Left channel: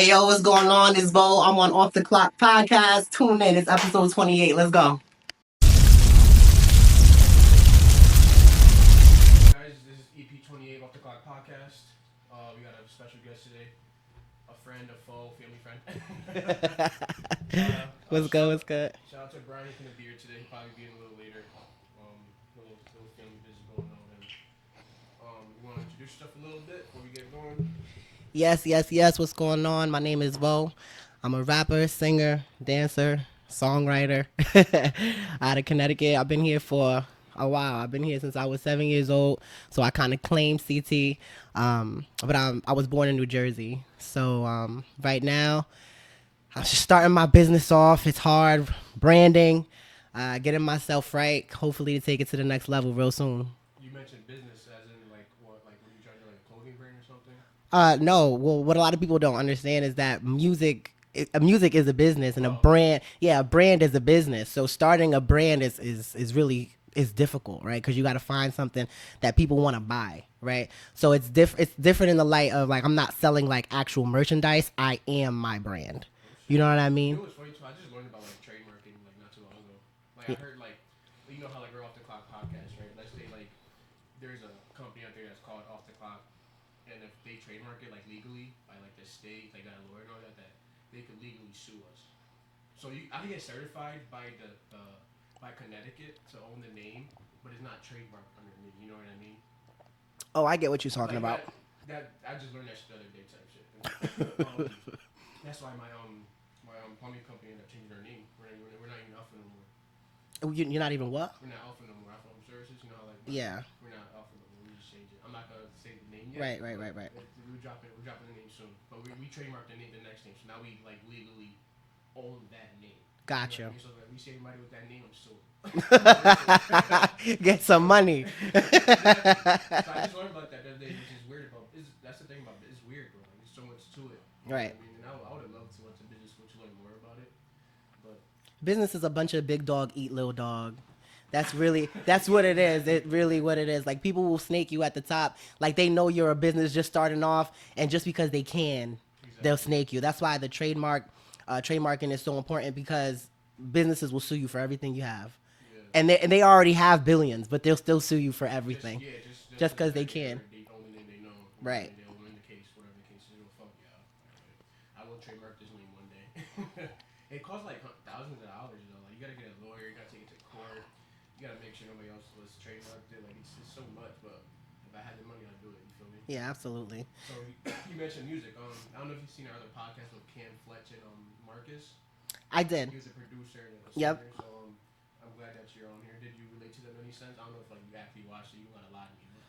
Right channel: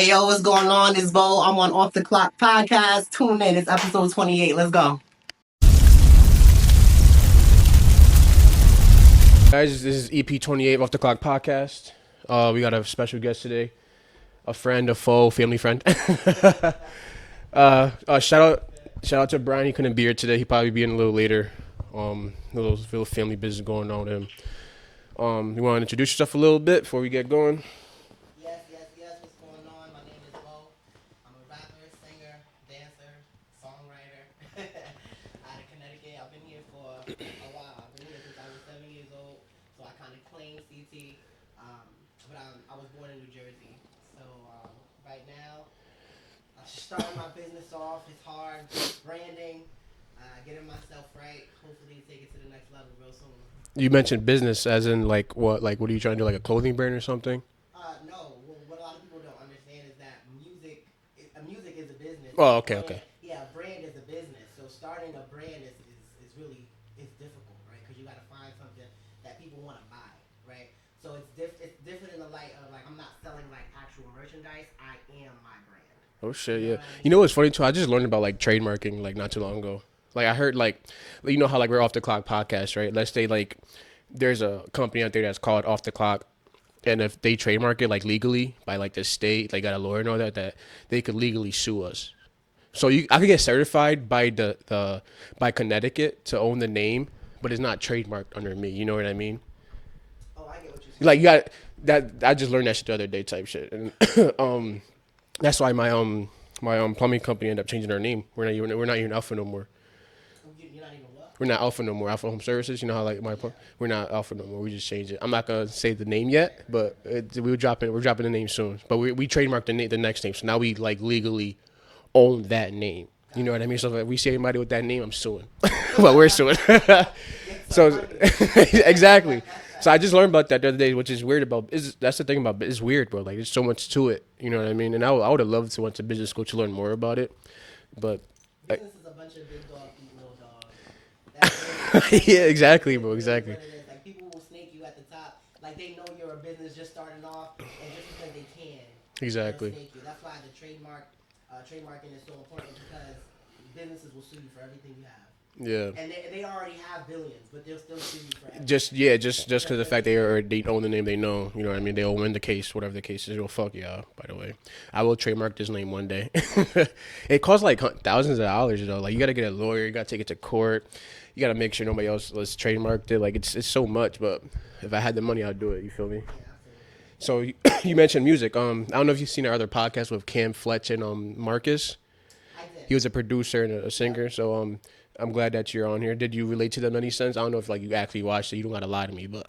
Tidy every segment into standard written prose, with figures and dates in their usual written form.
Hey yo, what's going on? It's Bo. I'm on Off the Clock podcast. Tune in. It's episode 28. Let's go. Guys, this is EP.28 Off the Clock podcast. We got a special guest today, a friend, a foe, family friend. Shout out to Brian. He couldn't be here today. He probably be in a little later. Little family business going on with him. You want to introduce yourself a little bit before we get going? Yes. What's going on? My name is Bo. I'm a rapper, singer, dancer, songwriter out of Connecticut. I've been here for a while. I've been here since I was 7 years old. So I kind of claim CT. But I was born in New Jersey. So right now, I'm just starting my business off. It's hard. Branding, getting myself right. Hopefully to take it to the next level real soon. You mentioned business as in like what are you trying to do, like a clothing brand or something? No. Well, what a lot of people don't understand is that music is a business, and a brand is a business. So starting a brand is really difficult, right? Because you got to find something that people want to buy, right? So it's different in the light of like I'm not selling like actual merchandise. I am my brand. Oh shit! You know what I mean? You know what's funny too? I just learned about like trademarking like not too long ago. Like I heard like you know how like we're Off the Clock podcast, right? Let's say like there's a company out there that's called Off the Clock. And if they trademark it like legally by like the state, like got a lawyer and all that they could legally sue us. So I could get certified by by Connecticut to own the name, but it's not trademarked under me. You know what I mean? Oh, I get what you're saying. Like you got that. I just learned that shit the other day, type shit. And that's why my plumbing company ended up changing our name. We're not even Alpha no more. You're not even what? We're not Alpha no more. Alpha Home Services. You know how like we're not Alpha no more. We just changed it. I'm not gonna say the name yet, but we're dropping the name soon. But we trademarked the next name, so now we like legally own that name. Gotcha. You know what I mean? So if we see anybody with that name, I'm suing. Well, we're suing. Get some money. Exactly. So I just learned about that the other day, which is weird that's the thing about it's weird, bro. Like there's so much to it. You know what I mean? And I would have loved to went to business school to learn more about it, but. Business is a bunch of big dog eat little dog. That's really what exactly, it is. Bro, really exactly. what it is. Like people will snake you at the top. Like they know you're a business just starting off, and just because they can, they'll snake you. That's why the trademarking is so important because businesses will sue you for everything you have. Yeah. And they already have billions, but they'll still sue you for everything. Just because the fact they own the name, they know. You know what I mean? They'll win the case, whatever the case is. Well, fuck y'all, by the way. I will trademark this name one day. It costs like thousands of dollars, though. Like you got to get a lawyer, you got to take it to court, you got to make sure nobody else has trademarked it. Like it's so much, but if I had the money, I'd do it. You feel me? Yeah, absolutely. So you mentioned music. I don't know if you've seen our other podcast with Cam Fletch and Marcus. I did. He was a producer and a singer. Yep. So I'm glad that you're on here. Did you relate to them in any sense? I don't know if like you actually watched it. You don't gotta lie to me, but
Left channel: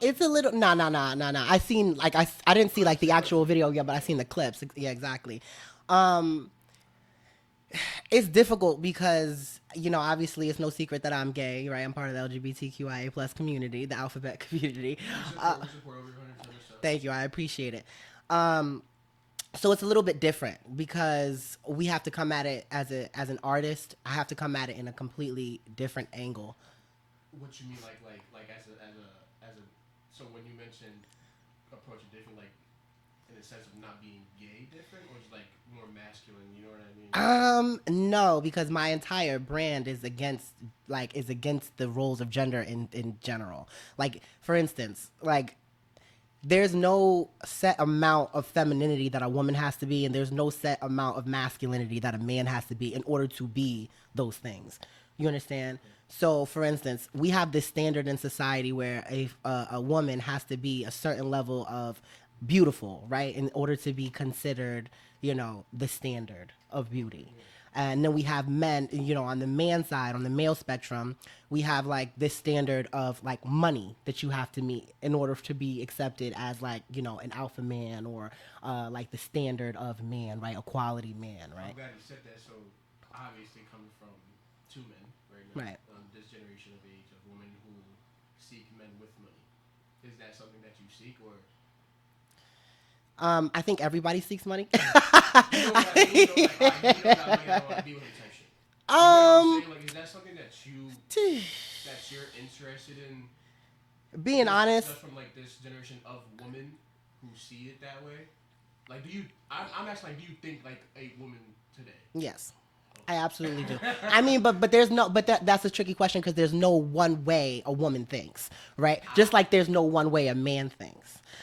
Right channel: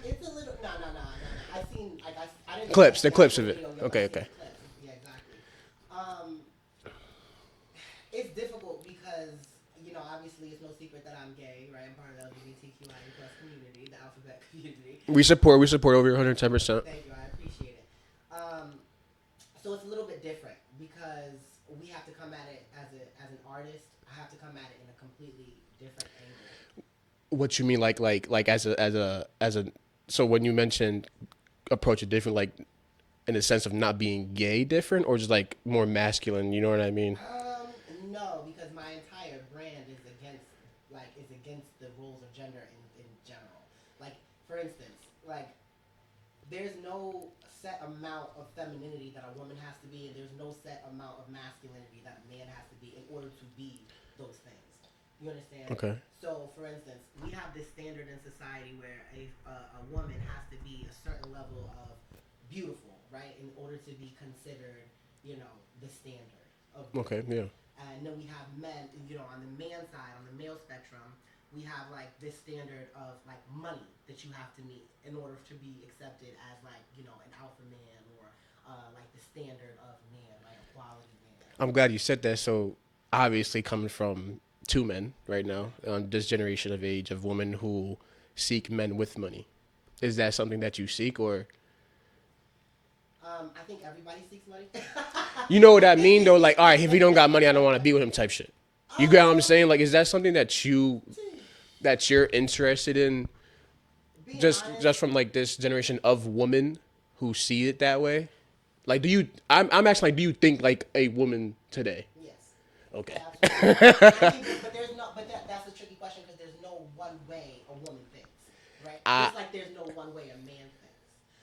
it's a little no. I seen like I didn't see clips, like the actual video yet, but I seen the clips. Yeah, exactly. It's difficult because obviously it's no secret that I'm gay, right? I'm part of the LGBTQIA plus community, the alphabet community. We support over 110%. Thank you, I appreciate it. So it's a little bit different because we have to come at it as an artist. I have to come at it in a completely different angle. What you mean, like as a so when you mentioned approach it different, like in the sense of not being gay different, or just like more masculine? You know what I mean? No, because my entire brand is against the roles of gender in general. Like for instance, like. There's no set amount of femininity that a woman has to be, and there's no set amount of masculinity that a man has to be in order to be those things. You understand? Okay. So, for instance, we have this standard in society where a woman has to be a certain level of beautiful, right, in order to be considered, the standard of beauty. Okay, yeah. And then we have men, on the man side, on the male spectrum, we have like this standard of like money that you have to meet in order to be accepted as like, an alpha man or like the standard of man, right? A quality man, right? I'm glad you said that. So obviously coming from two men right now, this generation of age of women who seek men with money, is that something that you seek or? I think everybody seeks money. You know what I mean? Though, like, all right, if he don't got money, I don't want to be with him type shit. You get what I'm saying? Like, is that something that you're interested in? Being honest. Just from, like, this generation of women who see it that way? Like, do you? I'm actually like, do you think like a woman today? Yes. Okay. I absolutely. I mean, but there's no, but that's a tricky question because there's no one way a woman thinks, right? Just like there's no one way a man thinks.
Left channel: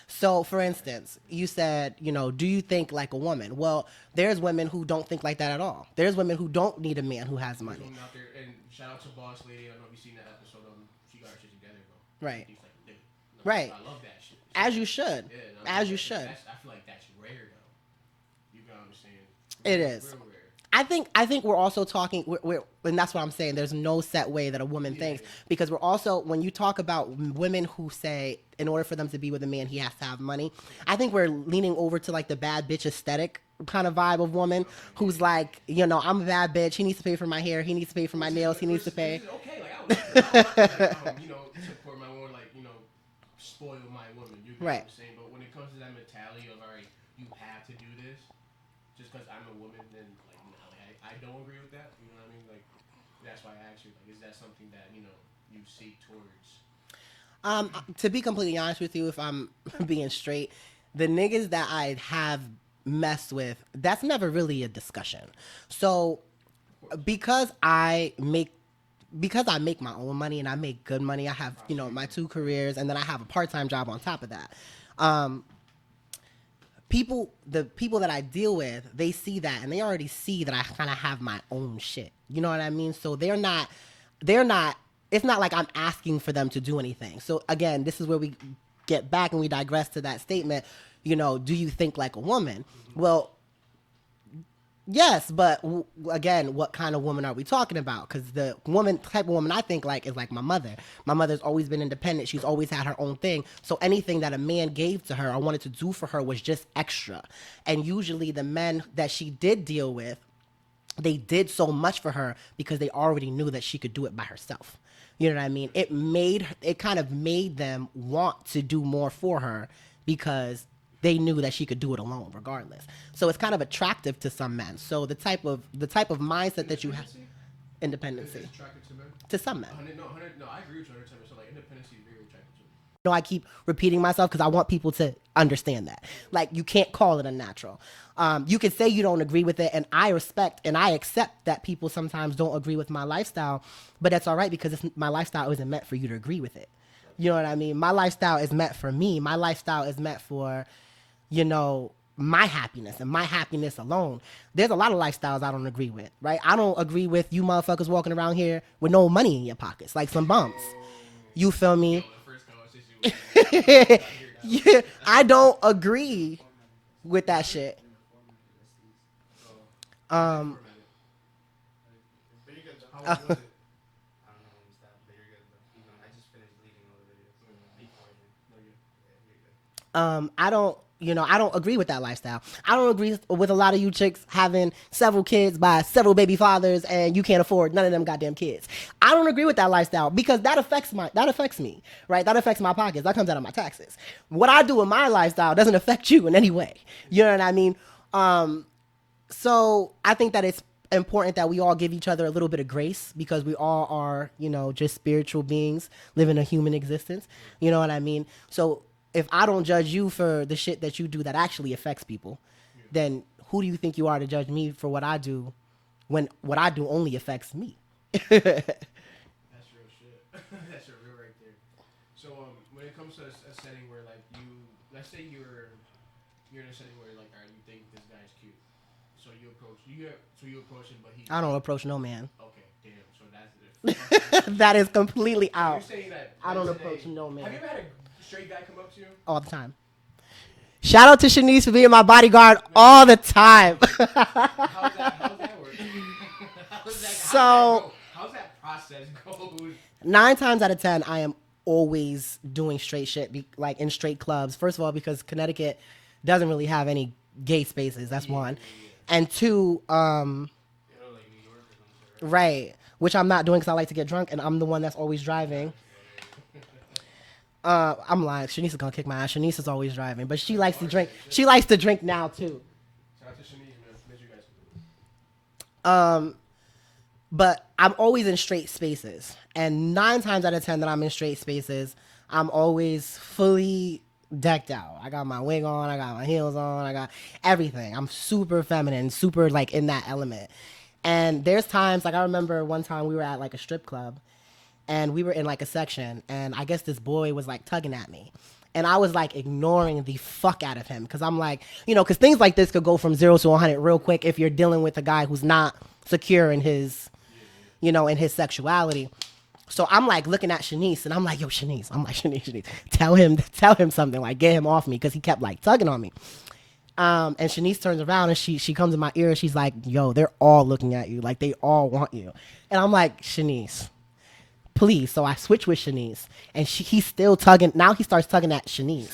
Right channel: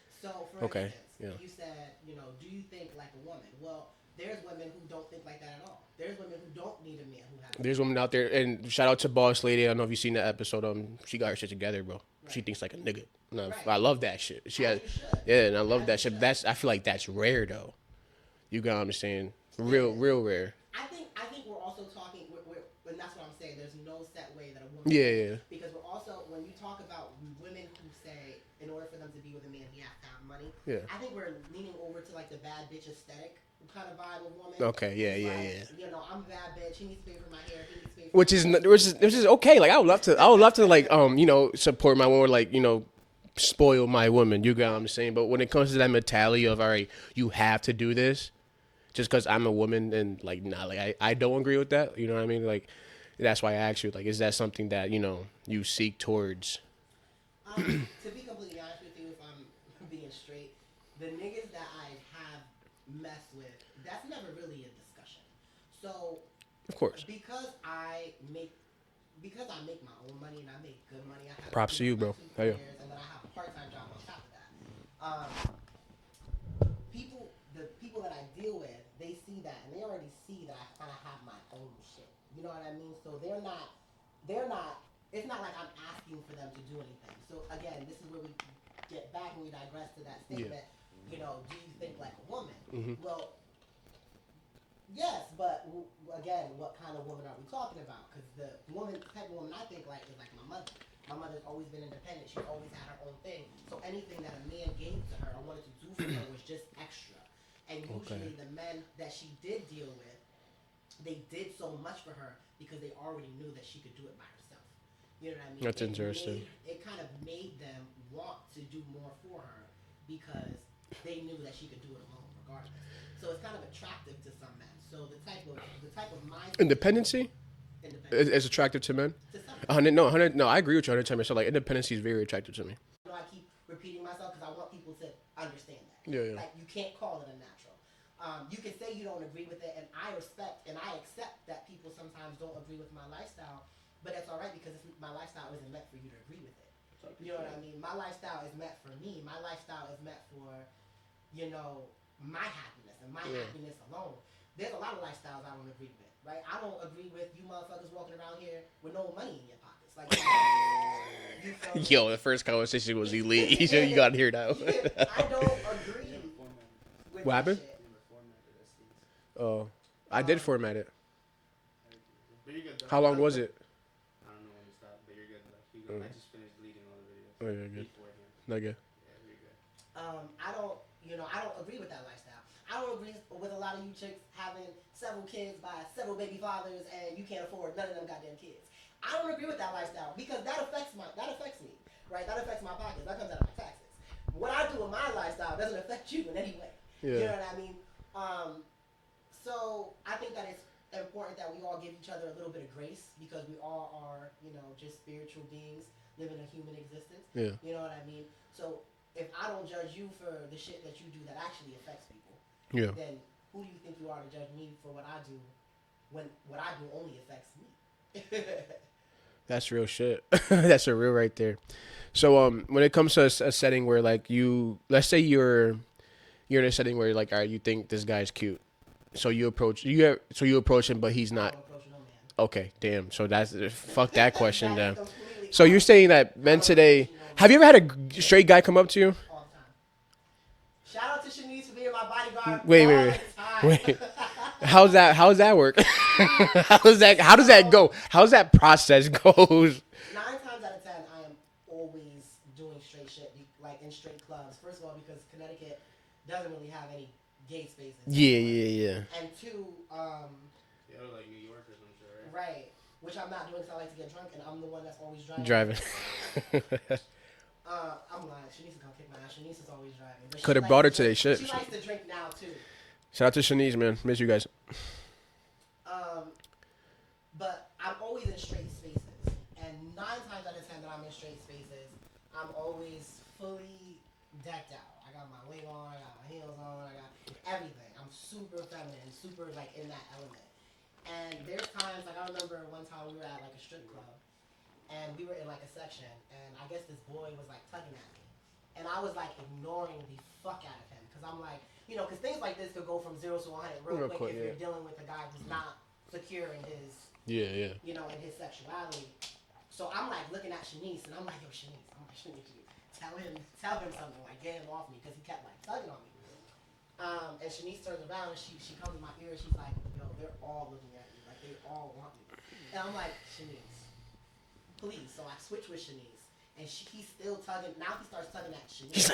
So, for Okay, instance, yeah. you said, do you think like a woman? Well, there's women who don't think like that at all. There's women who don't need a man who has There's money. women out there, and shout out to Boss Lady. I don't know if you've seen that episode. She got her shit together, bro. She Right. thinks like a nigga. No, Right. I love that shit. As you should. Yeah, and I love As you that shit. should. I feel like that's rare though. You got what I'm saying? It is. Real rare. I think we're also talking, and that's what I'm saying. There's no set way that a woman Yeah, thinks yeah. because we're also, when you talk about women who say in order for them to be with a man, he has to have money. Yeah. I think we're leaning over to like the bad bitch aesthetic kind of vibe of woman. Okay, who's yeah, like, I'm a bad bitch. He needs to pay for my hair. He needs to pay for Which my is nails. which is okay. Like I would love to like support my woman, like spoil my woman. You got what I'm Right. saying? But when it comes to that mentality of all right, you have to do this just because I'm a woman, and like nah, like I don't agree with that. You know what I mean? Like that's why I asked you, like, is that something that you seek towards? To be completely honest with you, if I'm being straight, the niggas that I have messed with, that's never really a discussion. So, Of course. because I make my own money and I make good money, I have Props to you, my bro. two Oh, yeah. careers, and then I have a part-time job on top of that. The people that I deal with, they see that and they already see that I kind of have my own shit. You know what I mean? So they're not, it's not like I'm asking for them to do anything. So again, this is where we get back and we digress to that statement, do you think like a woman? Mm-hmm. Well, yes, but again, what kind of woman are we talking about? Because the type of woman I think like is like my mother. My mother's always been independent. She's always had her own thing. So anything that a man gave to her or wanted to do for her was just extra. And usually the men that she did deal with, they did so much for her because they already knew that she could do it by herself. You know what I mean? That's It kind of made them want to do more for her because they knew that she could do it alone regardless. So it's kind of attractive to some men. So the type of mindset Independency independence is attractive to men. to some men. 100. No, I agree with you 110%. Like independency is very attractive to me. I keep repeating myself because I want people to understand that. Yeah. Like, you can't call it unnatural. You can say you don't agree with it, and I respect and I accept that people sometimes don't agree with my lifestyle, but that's all right because my lifestyle isn't meant for you to agree with it. You know what I mean? My lifestyle is meant for me. My lifestyle is meant for, my happiness and my happiness alone. There's a lot of lifestyles I don't agree with, right? I don't agree with you motherfuckers walking around here with no money in your pockets, like some bums. You feel me? Yo, the first conversation was you leave. You got here now. Yeah, I don't agree with that happened? shit. Oh, I did format it. How long was it? I don't know when you stop, but you're good. Though. I just finished deleting all the videos. Oh, yeah, good. Not good. I don't agree with that lifestyle. I don't agree with a lot of you chicks having several kids by several baby fathers and you can't afford none of them goddamn kids. I don't agree with that lifestyle because that affects me, right? That affects my pockets. That comes out of my taxes. What I do with my lifestyle doesn't affect you in any way. Yeah. You know what I mean? So I think that it's important that we all give each other a little bit of grace because we all are, just spiritual beings living a human existence. Yeah. You know what I mean? So if I don't judge you for the shit that you do that actually affects people, then who do you think you are to judge me for what I do when what I do only affects me? That's real shit. That's a real right there. So when it comes to a setting where like let's say you're in a setting where like, all right, you think this guy's cute. So you approach him, but he's not. I don't approach no man. Okay, damn. So that's fuck that question. That is then. completely So out you're saying that men don't today? approach no man. Have you ever had a straight guy come up to you? all the time. Shout out to Shanice for being my bodyguard Wait, all wait. the time. How's that work? How does that go? How's that process goes? 9 times out of 10, I am always doing straight shit, like in straight clubs. First of all, because Connecticut doesn't really have any gay spaces. That's one. Yeah. And 2, Yeah, like New York or some shit, right? right, which I'm not doing because I like to get drunk, and I'm the one that's always driving. I'm lying. Shanice is gonna kick my ass. Shanice is always driving, but she Coulda likes brought to her drink. today, shit. She likes to drink now too. Shout out to Shanice, man. Miss you guys. But I'm always in straight spaces, and 9 times out of 10 that I'm in straight spaces, I'm always fully decked out. I got my wig on. I got my heels on. I got everything. I'm super feminine, super like in that element. And there's times like I remember one time we were at like a strip club, and we were in like a section, and I guess this boy was like tugging at me. And I was like ignoring the fuck out of him because I'm like, you know, because things like this could go from 0 to 100 real quick if you're dealing with a guy who's not secure in his, you know, in his sexuality. So I'm like looking at Shanice, and I'm like, yo, Shanice, Shanice, tell him something, like get him off me, because he kept like tugging on me. And Shanice turns around and she comes in my ear and she's like, yo, they're all looking at you, like they all want you. And I'm like, Shanice, please. So I switch with Shanice, and he's still tugging. Now he starts tugging at Shanice.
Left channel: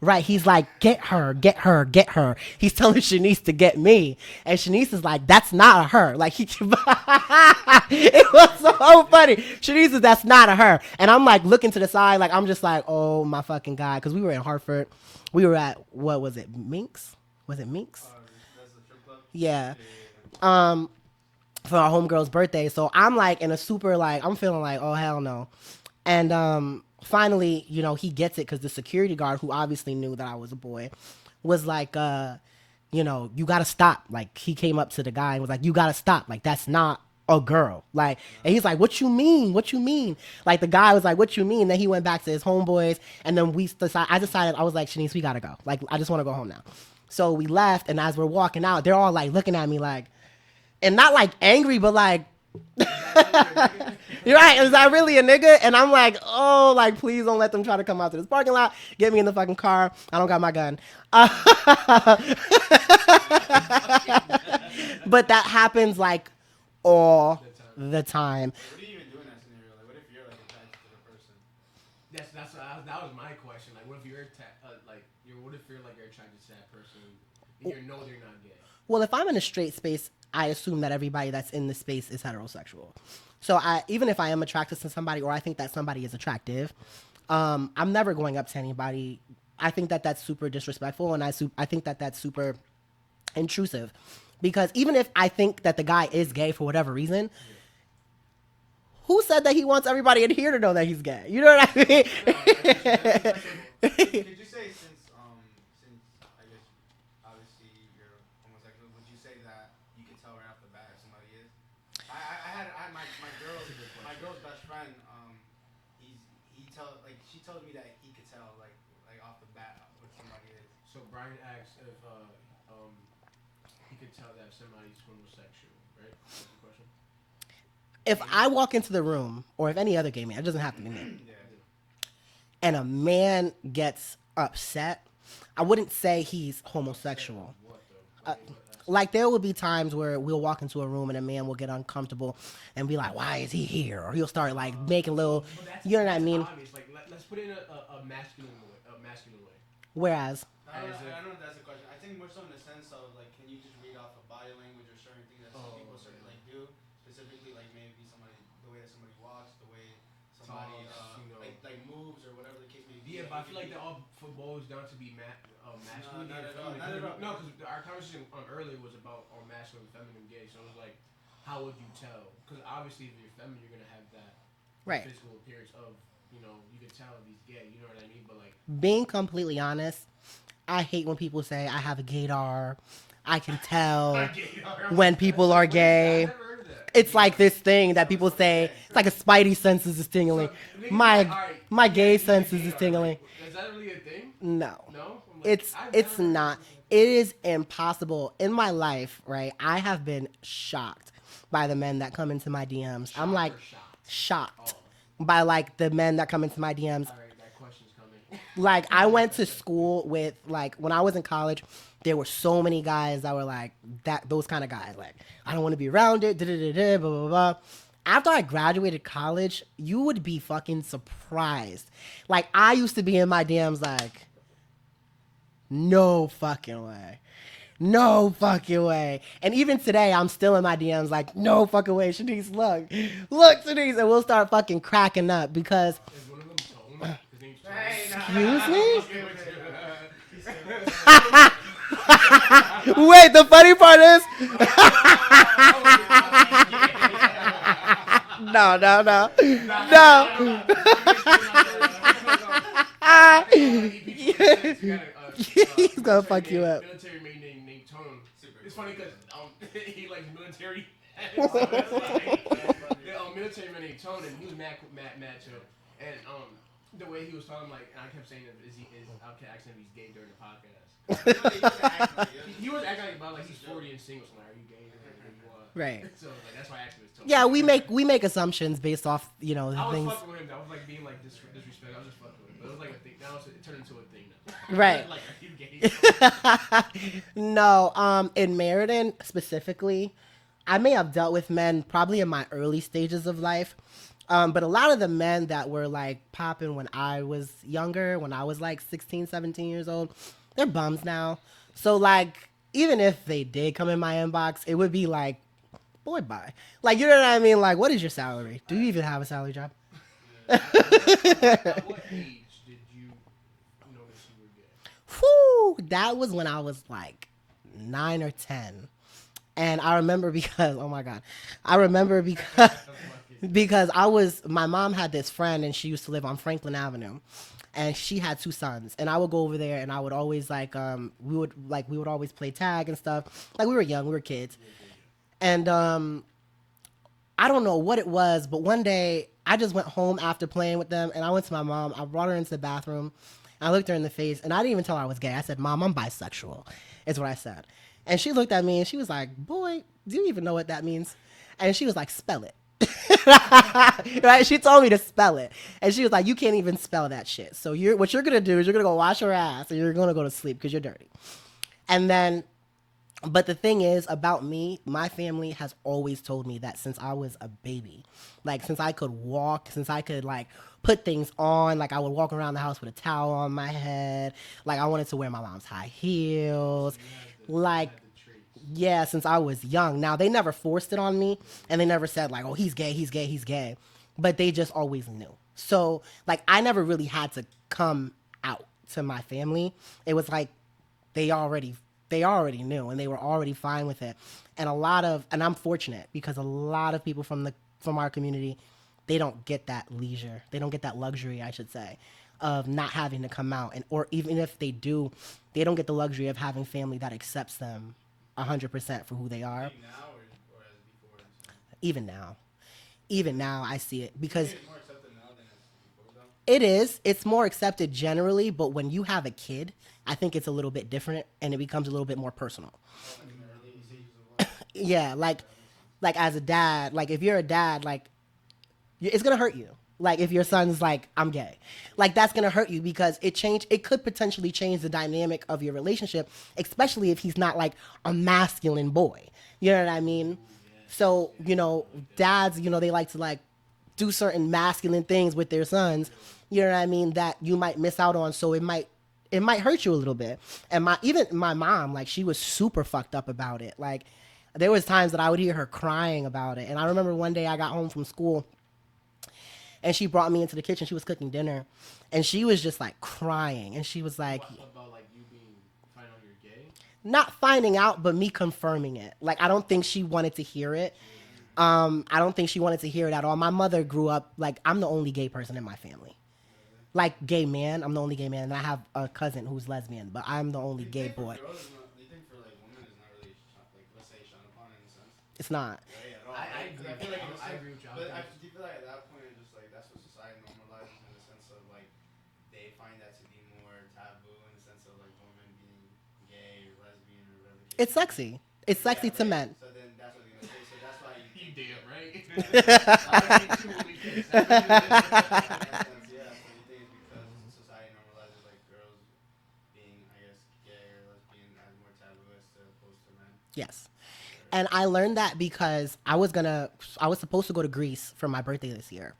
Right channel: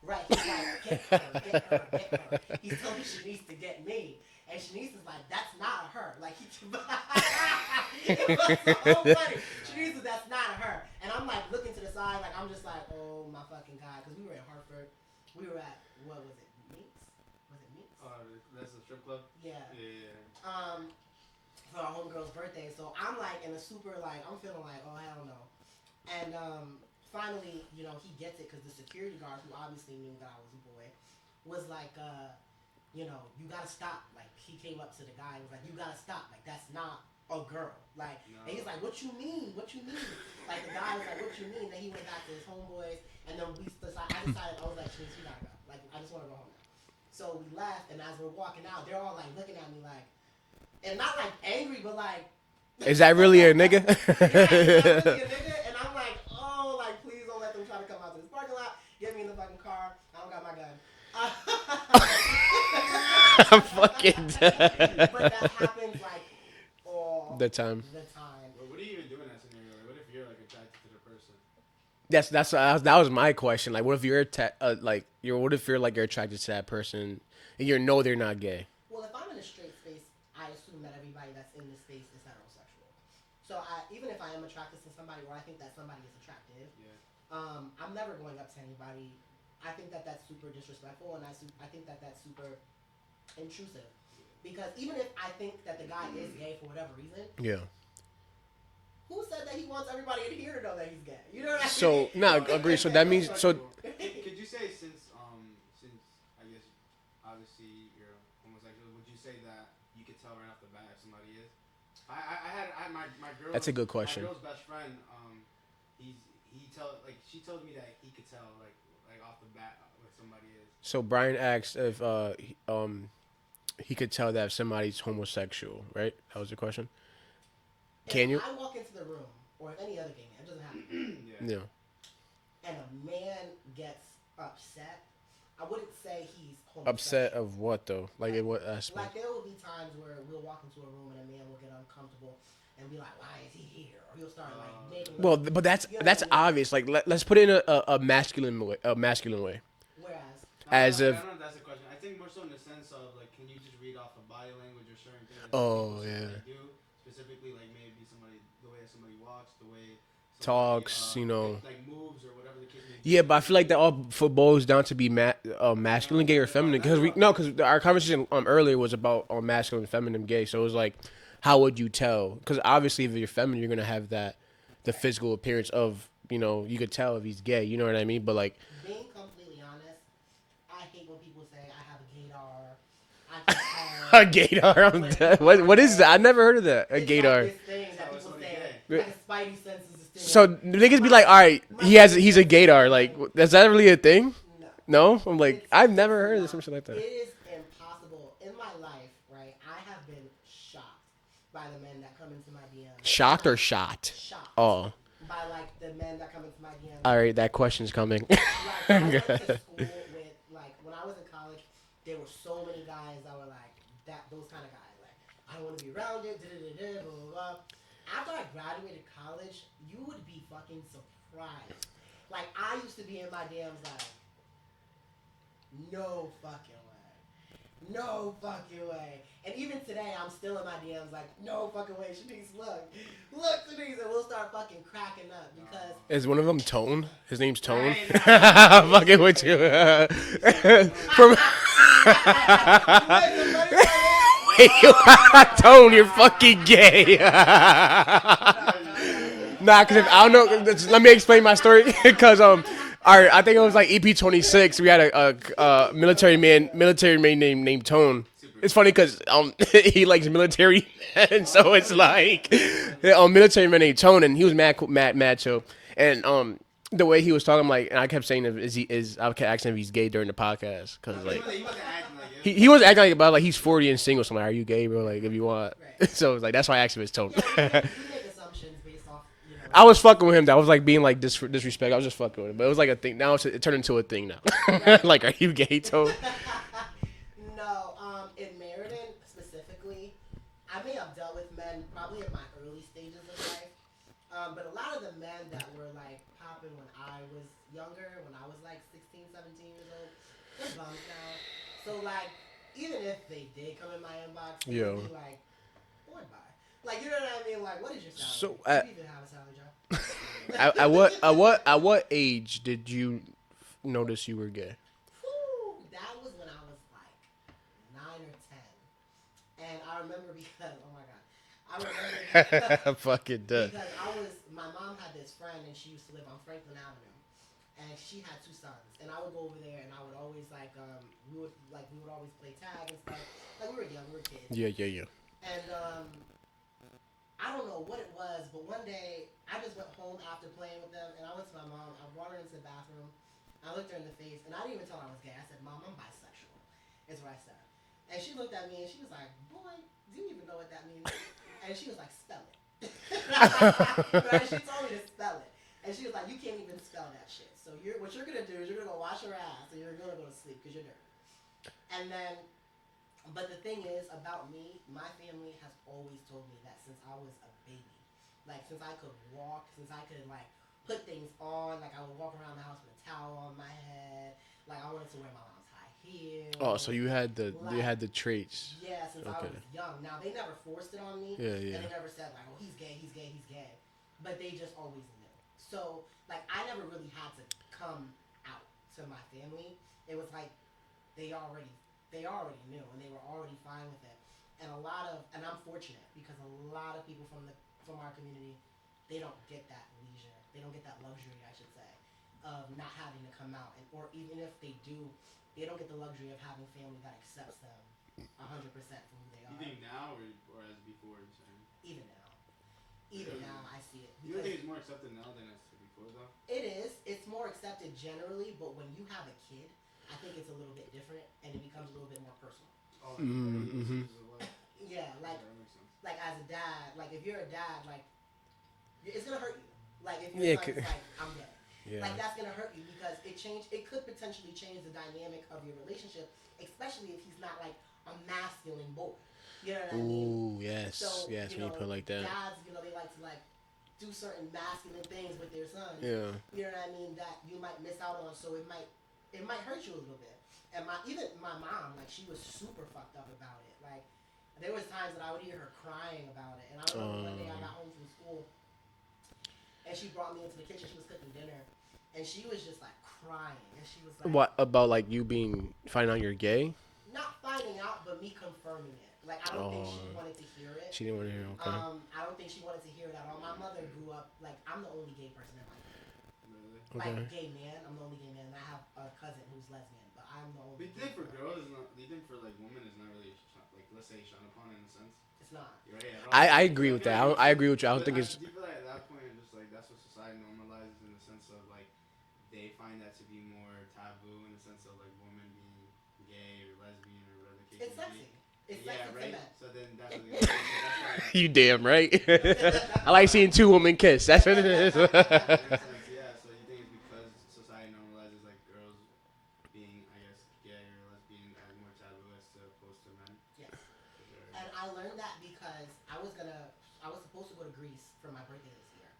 Right, he's like, get her, get her, get her. He's telling Shanice to get me. And Shanice is like, that's not a her. Like, it was so funny. Shanice is, that's not a her. And I'm like looking to the side, like, I'm just like, oh my fucking God. Because we were in Hartford. We were at, what was it, Minx? Was it Minx? That's the strip club? Yeah. For our homegirl's birthday. So I'm like in a super, like, I'm feeling like, oh, hell no. And finally, you know, he gets it because the security guard, who obviously knew that I was a boy, was like, you know, you got to stop. Like, he came up to the guy and was like, you got to stop. Like, that's not a girl. Like, and he's like, what you mean? What you mean? Like, the guy was like, what you mean? Then he went back to his homeboys. And then I decided, I was like, Shanice, we got to go. Like, I just want to go home now. So we left. And as we're walking out, they're all like looking at me like, and not like angry, but like, is that really a nigga? You're right. Is that really a nigga? And I'm like, oh, like, please don't let them try to come out to this parking lot. Get me in the fucking car. I don't got my gun. But that happens like all the time. The time. What do you even do in that scenario? Like, what if you're like attracted to the person? That was my question. Like, what if you're what if you're like you're attracted to that person and you know they're not gay? Well, if I'm in a straight space, I assume that everybody that's in the space is heterosexual. So even if I am attracted to somebody, or I think that somebody is attractive, I'm never going up to anybody. I think that that's super disrespectful, and I think that that's super intrusive. Because even if I think that the guy is gay for whatever reason, yeah, who said that he wants everybody in here to know that he's gay? You know what I mean? No, okay, so that means so. Could you say since I guess obviously you're homosexual, would you say that you can tell right off the bat if somebody is? I had my girl. That's a good question. My girl's best friend. She told me that he could tell like off the bat what somebody is. So Brian asked if he could tell that if somebody's homosexual, right? That was the question. If I walk into the room, or if any other gay man, it doesn't have to be me. Yeah. And a man gets upset, I wouldn't say he's homosexual. Upset of what though? Like in what aspect? Like there will be times where we'll walk into a room and a man will get uncomfortable and be like, "Why is he here?" Or he'll start like making little. Well, but that's you know what I mean? obvious. Like let's put it in a masculine way. Whereas, as I if. don't know if that's the question. I think more so in the sense of like, can you just read off the body language or certain things? Oh yeah. Do specifically like maybe the way that somebody walks, the way Talks, you know. like moves or whatever the case may be. Yeah, but I feel like that all boils down to be masculine, gay, or feminine. Because our conversation earlier was about masculine, feminine, gay. So it was like, how would you tell? Because obviously, if you're feminine, you're gonna have the Right. physical appearance of, you could tell if he's gay. You know what I mean? But like, being completely honest, I hate when people say I have a gaydar. I can tell a gaydar. when people are What gay. is that? I never heard of that. It's like this thing that people say, it's like a spidey senses is tingling. So niggas be like, all right, he's a gaydar. Like, is that really a thing? No. No? I'm like, I've never heard not. of something like that. It is impossible. In my life, right, I have been shocked by the men that come into my DMs. Shocked or shot? Shocked. Oh. By like the men that come into my DMs. All right, that question's coming. Like I went to school with like when I was in college, there were so many guys that were like those kind of guys. Like I don't want to be around it. Blah blah blah. After I graduated college, you would be fucking surprised. Like I used to be in my DMs like, no fucking way. No fucking way. And even today, I'm still in my DMs like, no fucking way. Shanice, look, Shanice. And we'll start fucking cracking up because. Is one of them Tone? His name's Tone? I'm fucking with you. Wait, the funny part is. Tone, you're fucking gay. No. Nah, cause I don't know. Let me explain my story. Cause I think it was like EP.26. We had a military fuck you man, up. named Tone. It's funny because he likes military men, so it's like military man named Tone, and he was mad chill, and the way he was talking, like, and I kept saying, I kept asking if he's gay during the podcast, because he was acting like he's 40 and single, so I'm like, are you gay, bro? Like, if you want, Right. So like that's why I asked him his tone. Yeah, we make assumptions based off, I was things. fucking with him. That was like being like disrespect. I was just fucking with him, but it was like a thing. Now it turned into a thing now. Right. Like, are you gay, Tone? No, in Meriden specifically, I may have dealt with men probably in my early stages of life. But a lot of the men that were like popping when I was younger, when I was like 16, 17 years old, they're bums now. So like, even if they did come in my inbox, it would be like, boy, bye. Like, you know what I mean? Like, what is your salary? Do you even have a salary job? At what age did you notice you were gay? Whew, that was when I was like 9 or 10. And I remember because, oh my God, because my mom had this friend and she used to live on Franklin Avenue and she had 2 sons. And I would go over there and I would always we would always play tag and stuff. Like, we were young, we were kids. Yeah. And I don't know what it was, but one day I just went home after playing with them and I went to my mom. I brought her into the bathroom. I looked her in the face and I didn't even tell her I was gay. I said, Mom, I'm bisexual, is what I said. And she looked at me and she was like, boy, do you even know what that means? And she was like, spell it. Right? She told me to spell it. And she was like, you can't even spell that shit. So what you're going to do is you're going to go wash your ass and you're going to go to sleep because you're dirty. And then, but the thing is about me, my family has always told me that since I was a baby, like since I could walk, since I could like put things on, like I would walk around the house with a towel on my head, like I wanted to wear my mom's high heels. Oh, so you had the traits. Yeah, since I was young. Now they never forced it on me, Yeah. and they never said like, oh, he's gay, but they just always knew. So like I never really had to come out to my family. It was like they already knew and they were already fine with it. And I'm fortunate because a lot of people from our community, they don't get that leisure. They don't get that luxury, I should say, of not having to come out. Or even if they do, they don't get the luxury of having family that accepts them 100% for who they are. Now or as before? Even now, I see it because it's more accepted now than it's before, though? it is. It's more accepted generally, but when you have a kid, I think it's a little bit different and it becomes a little bit more personal. Mm-hmm. Yeah, like as a dad, like if you're a dad, like it's gonna hurt you. Like if your son's like, I'm gay, like that's gonna hurt you because it could potentially change the dynamic of your relationship, especially if he's not like a masculine boy. You know what I mean? Ooh, yes. So Yeah, like that. dads, they like to like do certain masculine things with their sons. Yeah. You know what I mean? That you might miss out on. So it might hurt you a little bit. And my mom, like she was super fucked up about it. Like there was times that I would hear her crying about it. And I remember one day I got home from school and she brought me into the kitchen. She was cooking dinner and she was just like crying. And she was like, what about like you finding out you're gay? Not finding out, but me confirming it. Like I don't think she wanted to hear it. She didn't want to hear it, okay. I don't think she wanted to hear it at all. My mother grew up like I'm the only gay person in my family. Like gay man, I'm the only gay man, and I have a cousin who's lesbian, but I'm the only gay boy. Do you think for like women it's not really like let's say shut upon in a sense? It's not. I agree with that. I agree with you. I don't think it's. Do you feel like at that point it's just like that's what society normalizes in the sense of like they find that to be more taboo in the sense of like women being gay or lesbian or whatever. It's sexy. It's sexy to men. So then that's what why. You damn right. I like seeing 2 women kiss. That's what it is. Yeah, so you think it's because society normalizes like girls being, I guess, gay or lesbian as more taboo as opposed to men? Yes. And I learned that because I was supposed to go to Greece for my birthday this year.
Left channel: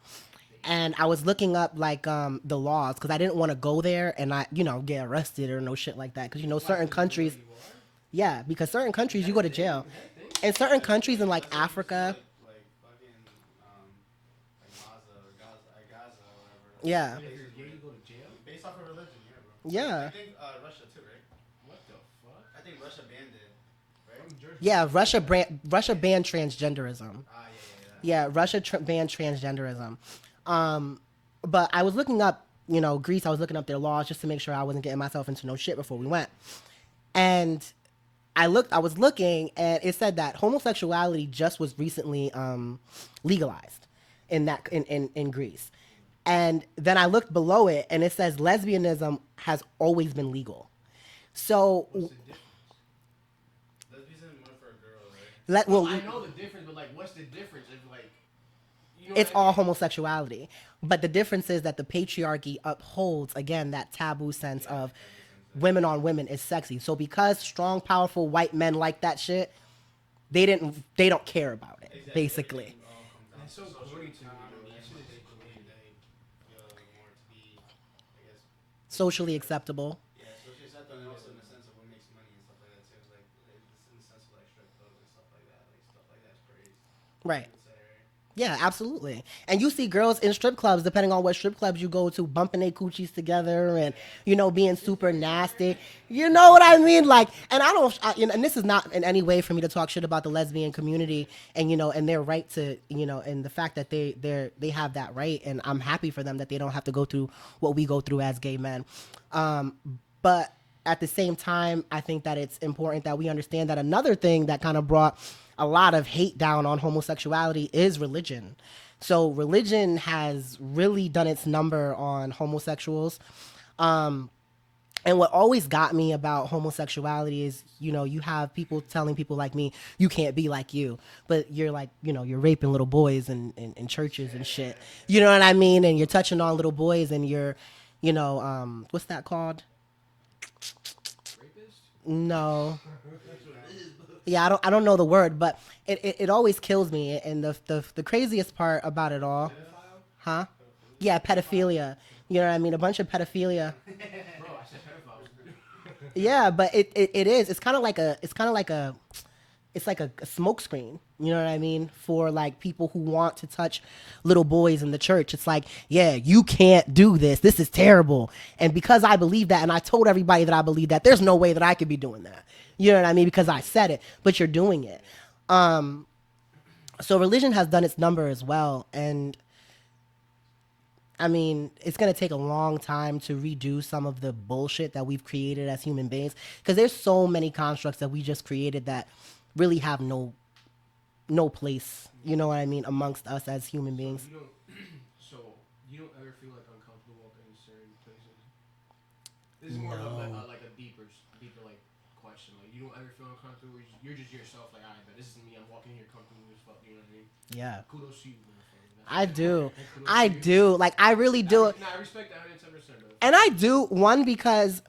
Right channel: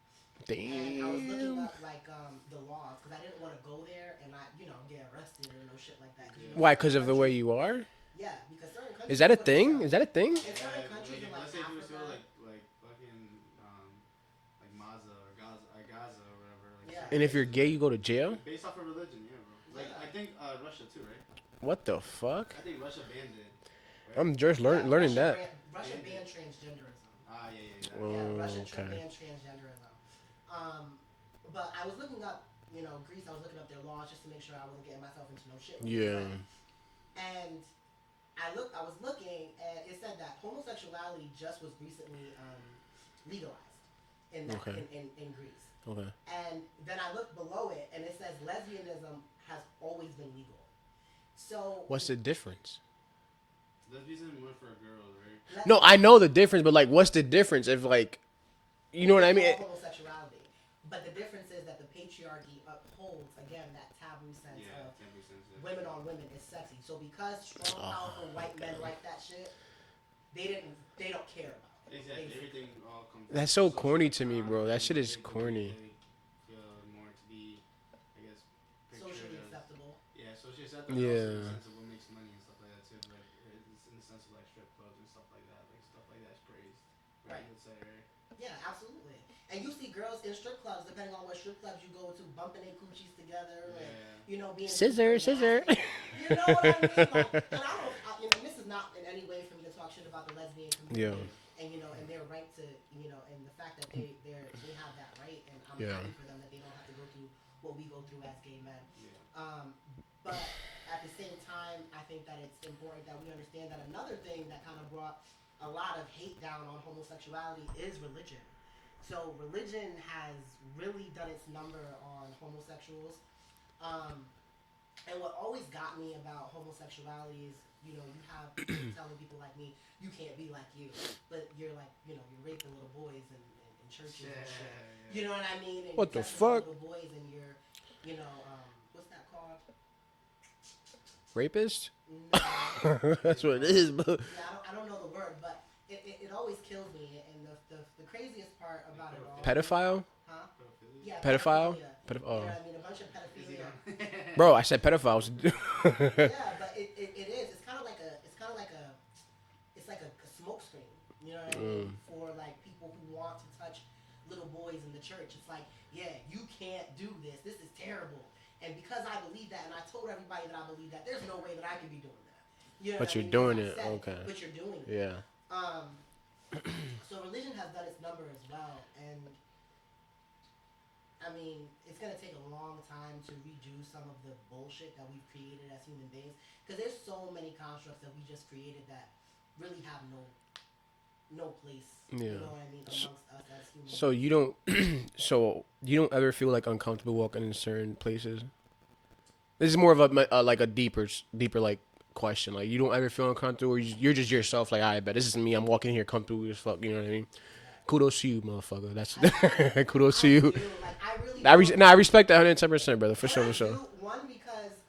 Damn. And I was looking up like the laws because I didn't want to go there and I get arrested or no shit like that because Why? certain Because of countries. the way you are? Yeah, because certain countries Is that you a go to thing? jail. Is that a thing? In certain countries in like Africa. Like fucking like Gaza or whatever. Like, Yeah. And if you're gay, you go to jail? based off of religion, yeah, bro. Yeah. I think Russia too, right? What the fuck? I think Russia banned it. I'm just Yeah, learning Russia banned transgenderism. Yeah. Yeah, Russia banned transgenderism. But I was looking up Greece. I was looking up their laws just to make sure I wasn't getting myself into no shit before we Yeah. went. And I was looking, and it said that homosexuality just was recently legalized in that in Greece. Okay. And then I looked below it, and it says lesbianism has always been legal. So What's the difference? Lesbianism more for a girl, right? No, I know the difference, but like, what's the difference if like, you know what I it's mean? all homosexuality. But the difference is that the patriarchy upholds, again, that taboo sense of women on women is sexy. So because strong, powerful white men like that shit, they don't care about it, basically. That's so corny to me, bro. That shit is corny. More to be, I guess, Socially acceptable. yeah, socially acceptable. Yeah. Also in the sense of what makes money and stuff like that too. Like it's in the sense of like strip clubs and stuff like that. Like stuff like that's praised. Right. Say, right? Yeah, absolutely. And you see girls in strip clubs, depending on what strip clubs you go to, bumping their coochies together and, being super nasty. You know what I mean? Like, and and this is not in any way for me to talk shit about the lesbian community and, and their right to, and the fact that they have that right. And I'm happy for them that they don't have to go through what we go through as gay men. But at the same time, I think that it's important that we understand that another thing that kind of brought a lot of hate down on homosexuality is religion. So religion has really done its number on homosexuals. And what always got me about homosexuality is, you have people telling people like me, you can't be like you. But you're like, you're raping little boys in churches and shit. You know what I mean? And you're touching on little boys and you're, what's that called? Rapist? No. That's what it is. But Yeah, I don't know the word, but it always kills me. And the craziest part about it all, pedophile? huh? Yeah, pedophilia. You know what I mean? A bunch of pedophilia. Bro, I said pedophiles. Yeah, but it is. It's kind of like a smoke screen. You know what I mean? For like people who want to touch little boys in the church. It's like, yeah, you can't do this. This is terrible. And because I believe that, and I told everybody that I believe that, there's no way that I could be doing that. You know what I mean? Because I said it, but you're doing it. Yeah. So religion has done its number as well. And I mean, it's going to take a long time to redo some of the bullshit that we've created as human beings. Because there's so many constructs that we just created that really have no place, you know what I mean, amongst us as human beings. You don't ever feel like uncomfortable walking in certain places? This is more of a like a deeper like question. Like, you don't ever feel uncomfortable, or you're just yourself. Like, I bet this is me. I'm walking here comfortable as fuck. You know what I mean? Yeah. Kudos to you, motherfucker. That's I do. kudos to you. I do. Like, I really do. I respect that 110%, brother. And I do, one, because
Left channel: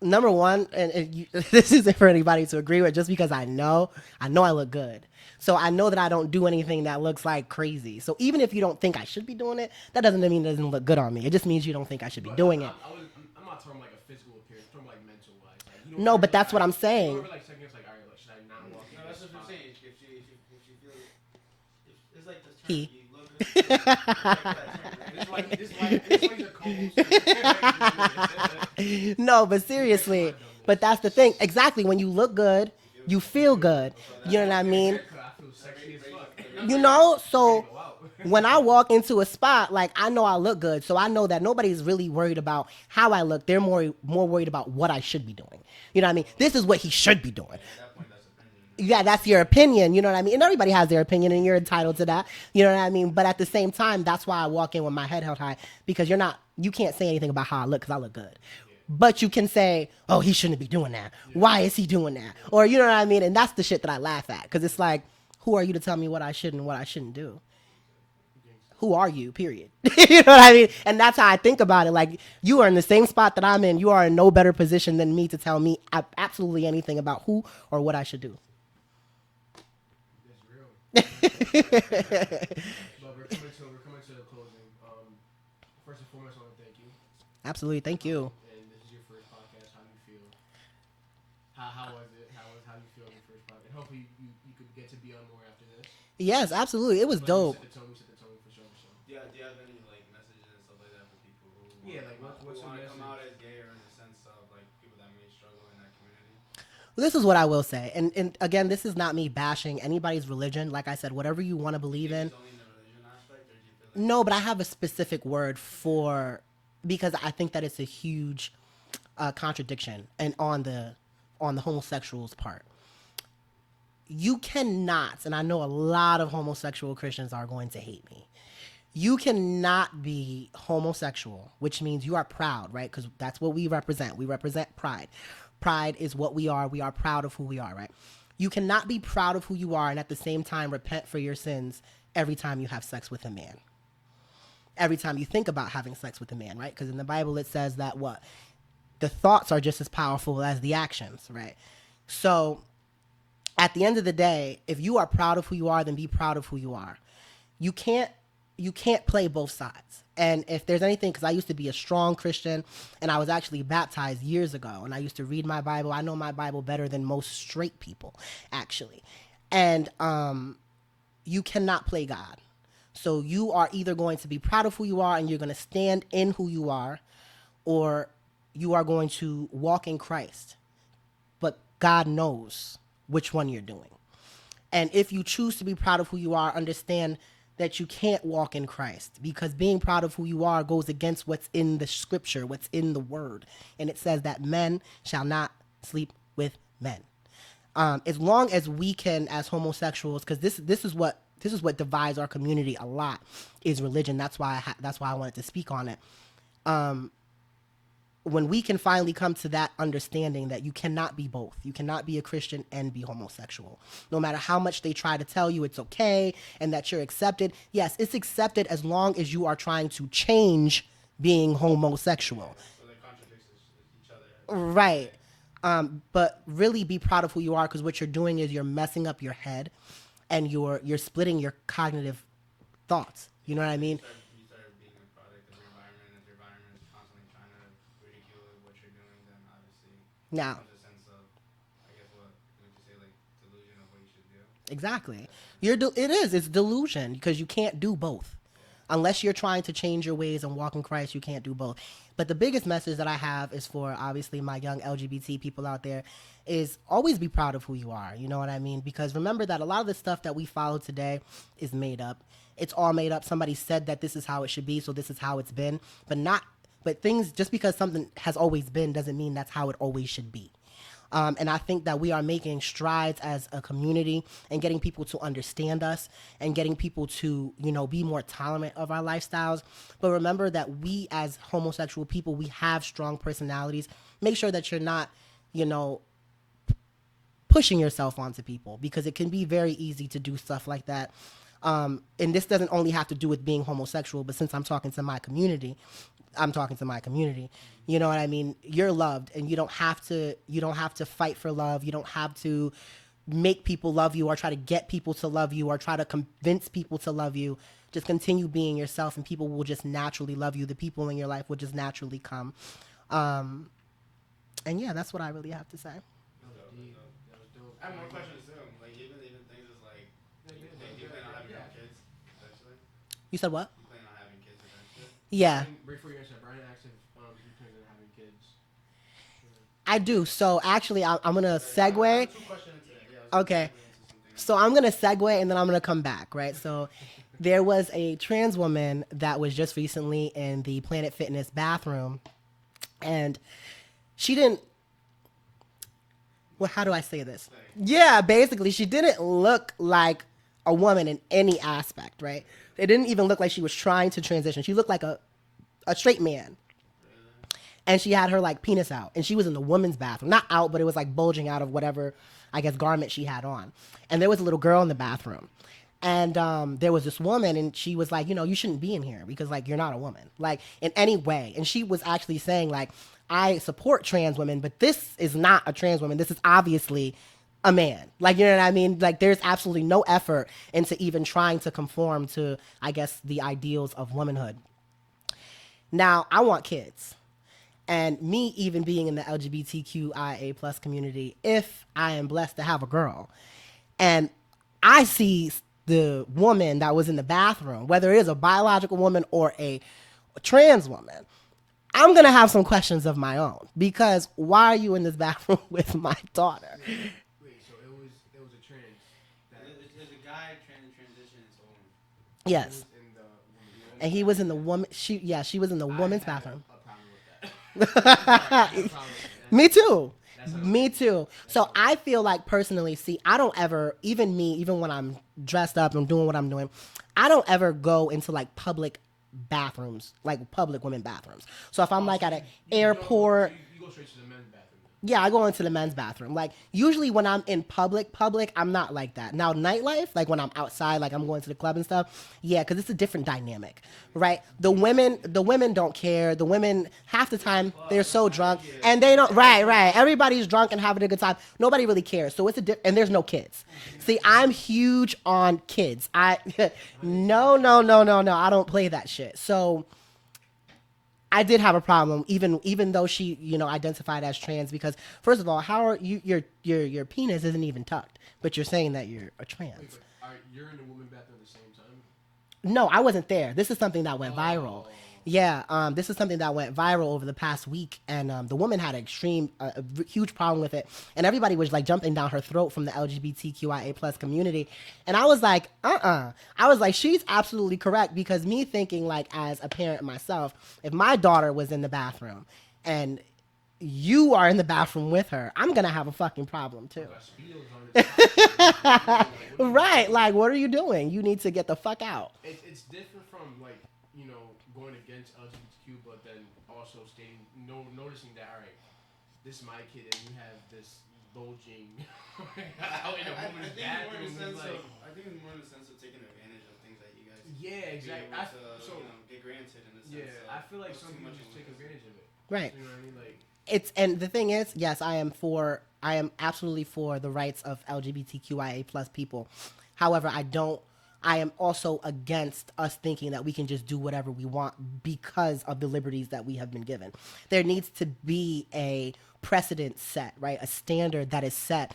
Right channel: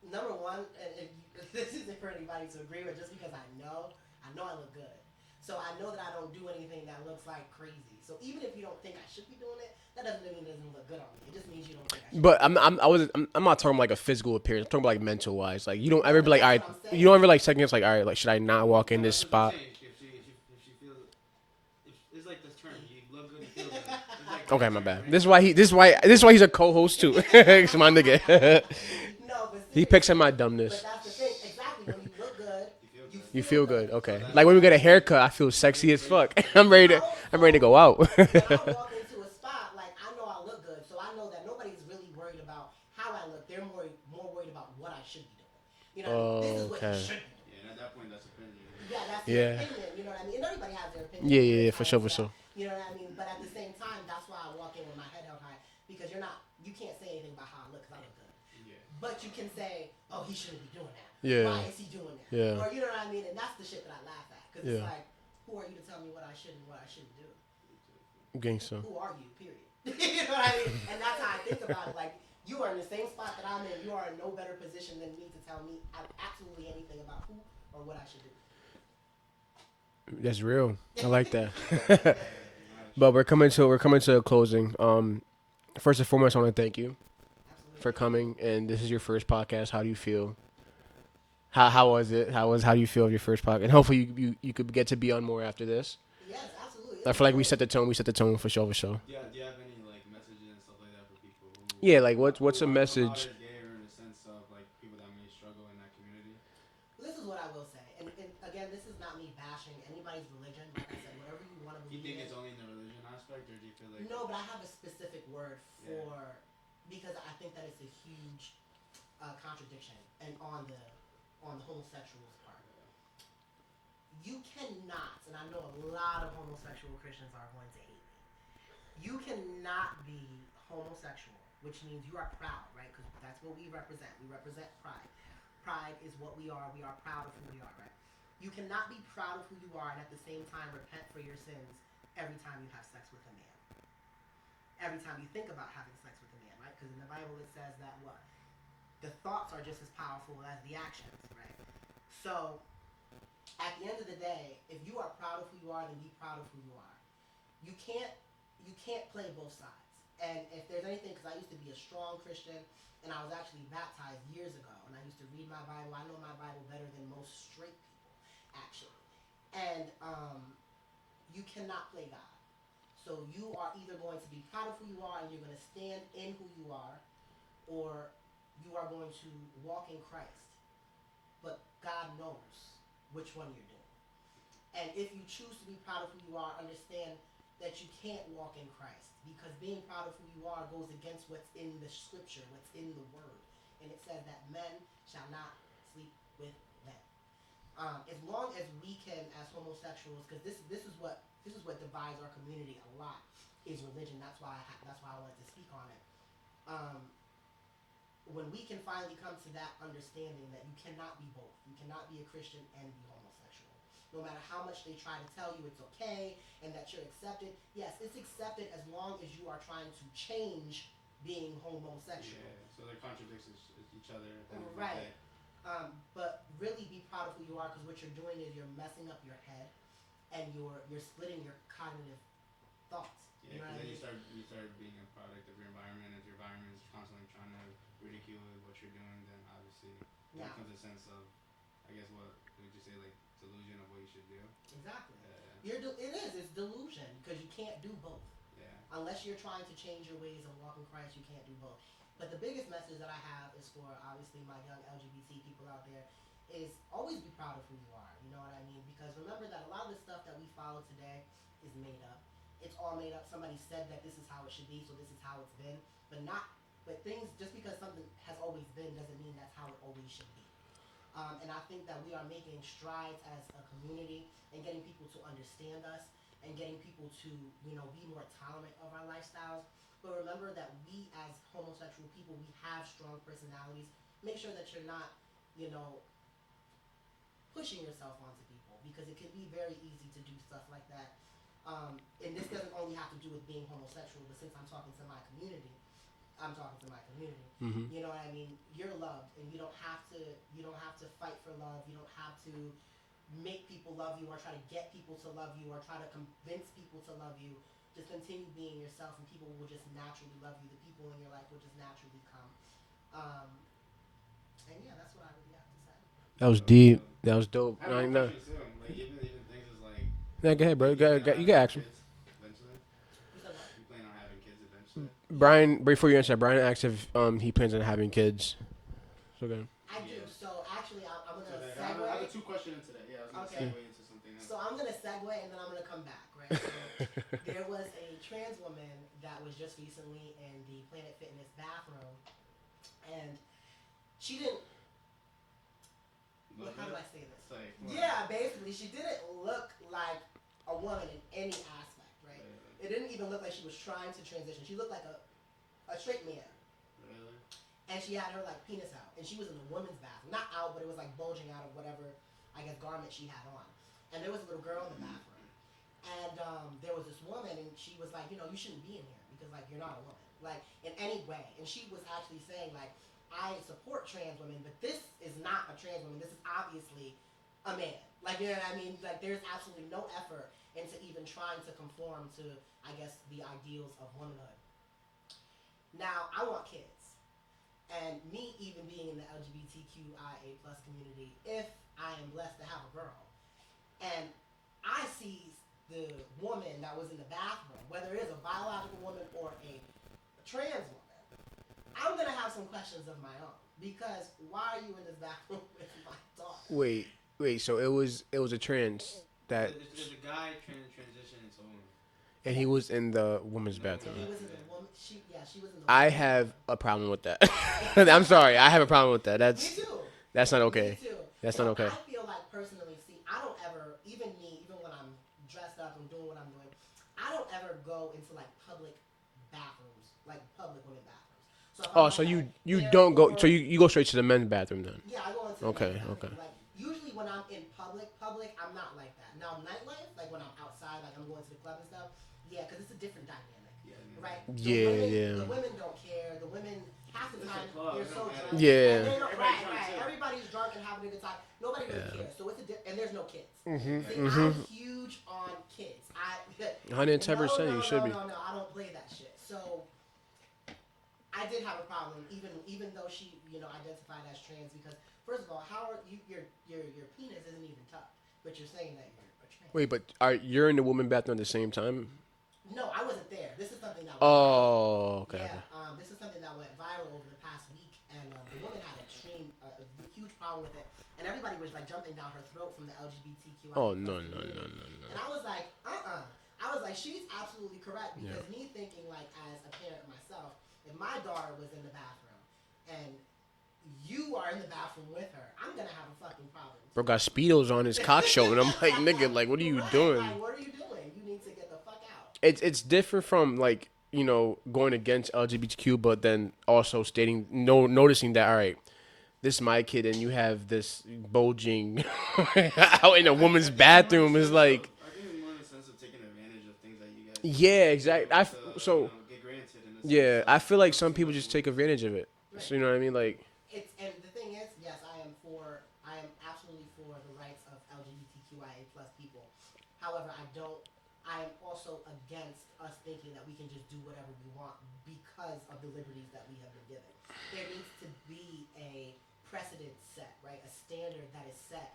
number one, and this isn't for anybody to agree with, just because I know I look good. So I know that I don't do anything that looks like crazy. So even if you don't think I should be doing it, that doesn't mean it doesn't look good on me. It just means you don't think I should be doing it. I'm not talking about like a physical appearance. I'm talking about like mental wise. Like, you don't No, ever but be like, that's all what right, I'm saying. You don't ever like second guess like, all right, like, should I not walk in this spot? If she feels, it's like this term. You look good. Okay, my bad. This is why he's a co-host too. It's my nigga. No, but seriously. He picks at my dumbness. But that's the thing. Exactly. When you look good, you feel good. Okay. You Like know when you what get I a mean? haircut, I feel sexy as fuck. I'm ready to go out. When I walk into a spot, like, I know I look good, so I know that nobody's really worried about how I look. They're more worried about what I should be doing. You know what I mean? This is what he should be doing. At that point, that's opinion. Yeah, that's your opinion. You know what I mean? And everybody has their opinion, and Yeah, you're yeah, entitled for to sure, that. for sure. You know what I mean? But at the same time, that's why I walk in with my head held high, because you can't say anything about how I look, because I look good. But you can say, oh, he shouldn't be doing that. Yeah. Why is he doing that? Yeah. Or, you know what I mean? And that's the shit that I laugh at, because it's like, who are you to tell me what I should and what I shouldn't do? Gangsta. Who are you, period? You know what I mean? And that's how I think about it. Like, you are in the same spot that I'm in. You are in no better position than me to tell me absolutely anything about who or what I should do. That's real. I like that. But we're coming to a closing. First and foremost, I want to thank you Absolutely. for Thank coming. you. And this is your first podcast. How do you feel? How was it? How do you feel of your first podcast? And hopefully you could get to be on more after this. Yes, absolutely. It I was feel like dope. we set the tone. We set the tone for sure. Do you have any like messages and stuff like that for people who? Yeah, like what's a who are message? as gay or in the sense of like people that may struggle in that community? This is what I will say. And again, this is not me bashing anybody's religion. Like I said, whatever you want to believe in. It's only in the religion aspect, or do you feel like No, but I have a specific word for because I think that it's a huge contradiction and on the homosexuals part. You cannot, and I know a lot of homosexual Christians are going to hate me. You cannot be homosexual, which means you are proud, right? Because that's what we represent. We represent pride. Pride is what we are. We are proud of who we are, right? You cannot be proud of who you are and at the same time repent for your sins every time you have sex with a man. Every time you think about having sex with a man, right? Because in the Bible it says that what? The thoughts are just as powerful as the actions, right? So at the end of the day, if you are proud of who you are, then be proud of who you are. You can't play both sides. And if there's anything, because I used to be a strong Christian, and I was actually baptized years ago, and I used to read my Bible. I know my Bible better than most straight people, actually. And you cannot play God. So you are either going to be proud of who you are and you're going to stand in who you are, or you are going to walk in Christ. But God knows which one you're doing. And if you choose to be proud of who you are, understand that you can't walk in Christ, because being proud of who you are goes against what's in the scripture, what's in the word. And it says that men shall not sleep with men. As long as we can, as homosexuals, because this is what divides our community a lot, is religion. That's why I wanted to speak on it. When we can finally come to that understanding that you cannot be both. You cannot be a Christian and be homosexual. No matter how much they try to tell you it's okay and that you're accepted. Yes, it's accepted as long as you are trying to change being homosexual. So they contradict each other. Right. But really be proud of who you are, because what you're doing is you're messing up your head and you're splitting your cognitive thoughts. You know what I mean? You start being a product of your environment. If your environment is constantly trying to ridicule what you're doing, then obviously Now, comes a sense of, I guess, what would you say, like delusion of what you should do. exactly. It's delusion, because you can't do both. Unless you're trying to change your ways and walk in Christ, you can't do both. But the biggest message that I have is for, obviously, my young LGBT people out there, is always be proud of who you are. You know what I mean? Because remember that a lot of the stuff that we follow today is made up. It's all made up. Somebody said that this is how it should be, so this is how it's been. But things, just because something has always been doesn't mean that's how it always should be. And I think that we are making strides as a community and getting people to understand us and getting people to, be more tolerant of our lifestyles. But remember that we as homosexual people, we have strong personalities. Make sure that you're not, pushing yourself onto people, because it can be very easy to do stuff like that. And this doesn't only have to do with being homosexual, but since I'm talking to my community. Mm-hmm. You know what I mean? You're loved, and you don't have to fight for love. You don't have to make people love you or try to get people to love you or try to convince people to love you. Just continue being yourself, and people will just naturally love you. The people in your life will just naturally come. And yeah, that's what I really have to say. That was deep. That was dope. I have one question too. Like even things is like. Yeah, go ahead, bro. You got action. You said what? You plan on having kids eventually? Yeah. Brian, before you answer, Brian asked if he plans on having kids. Okay. I do. So actually, I'm gonna segue. 2 questions today. Yeah, Okay. So I'm gonna segue and then I'm gonna come back, right? So there was a trans woman that was just recently in the Planet Fitness bathroom, and she didn't. Well, how do I say this? Yeah, basically, she didn't look like a woman in any aspect, right? It didn't even look like she was trying to transition. She looked like a straight man. And she had her, penis out. And she was in the woman's bathroom. Not out, but it was, bulging out of whatever, I guess, garment she had on. And there was a little girl in the bathroom. And there was this woman, and she was like, you shouldn't be in here because, you're not a woman. In any way. And she was actually saying, I support trans women, but this is not a trans woman. This is obviously a man. You know what I mean? There's absolutely no effort into even trying to conform to, I guess, the ideals of womanhood. Now, I want kids. And me even being in the LGBTQIA plus community, if I am blessed to have a girl, and I see the woman that was in the bathroom, whether it is a biological woman or a trans woman, I'm going to have some questions of my own, because why are you in this bathroom with my daughter? Wait, so it was a trans that... There's a guy transitioning into a woman. And Yes. he was in the women's bathroom. And he was in the woman. She was in the I women's have bathroom. a problem with that. I'm sorry. I have a problem with that. Me too. That's not okay. Me too. That's So not okay. I feel like personally, see, I don't ever, even when I'm dressed up and doing what I'm doing, I don't ever go into like public bathrooms, like public women bathrooms. So if I'm like at an airport, don't go. So you go straight to the men's bathroom then? yeah, I go into the Okay, men's bathroom. okay. Like usually when I'm in public, I'm not like that. Now nightlife, like when I'm outside, like I'm going to the club and stuff, yeah, because it's a different dynamic, right? The women don't care. The women half the time they're so drunk, and they don't. Right. Everybody's drunk and having a good time. Nobody really cares. So it's and there's no kids. See, I'm huge on kids. No. I don't play that shit. So I did have a problem, even though she, identified as trans, because first of all, how are your penis isn't even tucked, but you're saying that you're a trans. Wait, but you're in the women's bathroom at the same time? No, I wasn't there. This is something that went viral. Okay. Yeah, this is something that went viral over the past week, and the woman had a huge problem with it, and everybody was like jumping down her throat from the LGBTQIA plus community, and I was like, I was like, she's absolutely correct, because me thinking like as a parent myself, if my daughter was in the bathroom, and you are in the bathroom with her, I'm gonna have a fucking problem too. Bro got Speedos on his cock show, and I'm like, nigga, like, what are you doing? Right, like, what are you doing? You need to get the fuck out. It's different from like, going against LGBTQ, but then also noticing that, all right, this is my kid, and you have this bulging out in a woman's bathroom is like. I think it's more in the sense of taking advantage of things that you guys. Yeah, exactly. Get granted in a Yeah, I feel like some people just take advantage of it. Right. So, you know what I mean? Like. And the thing is, yes, I am absolutely for the rights of LGBTQIA plus people. However, I am also against us thinking that we can just do whatever we want because of the liberties that we have been given. There needs to be a precedent set, right? A standard that is set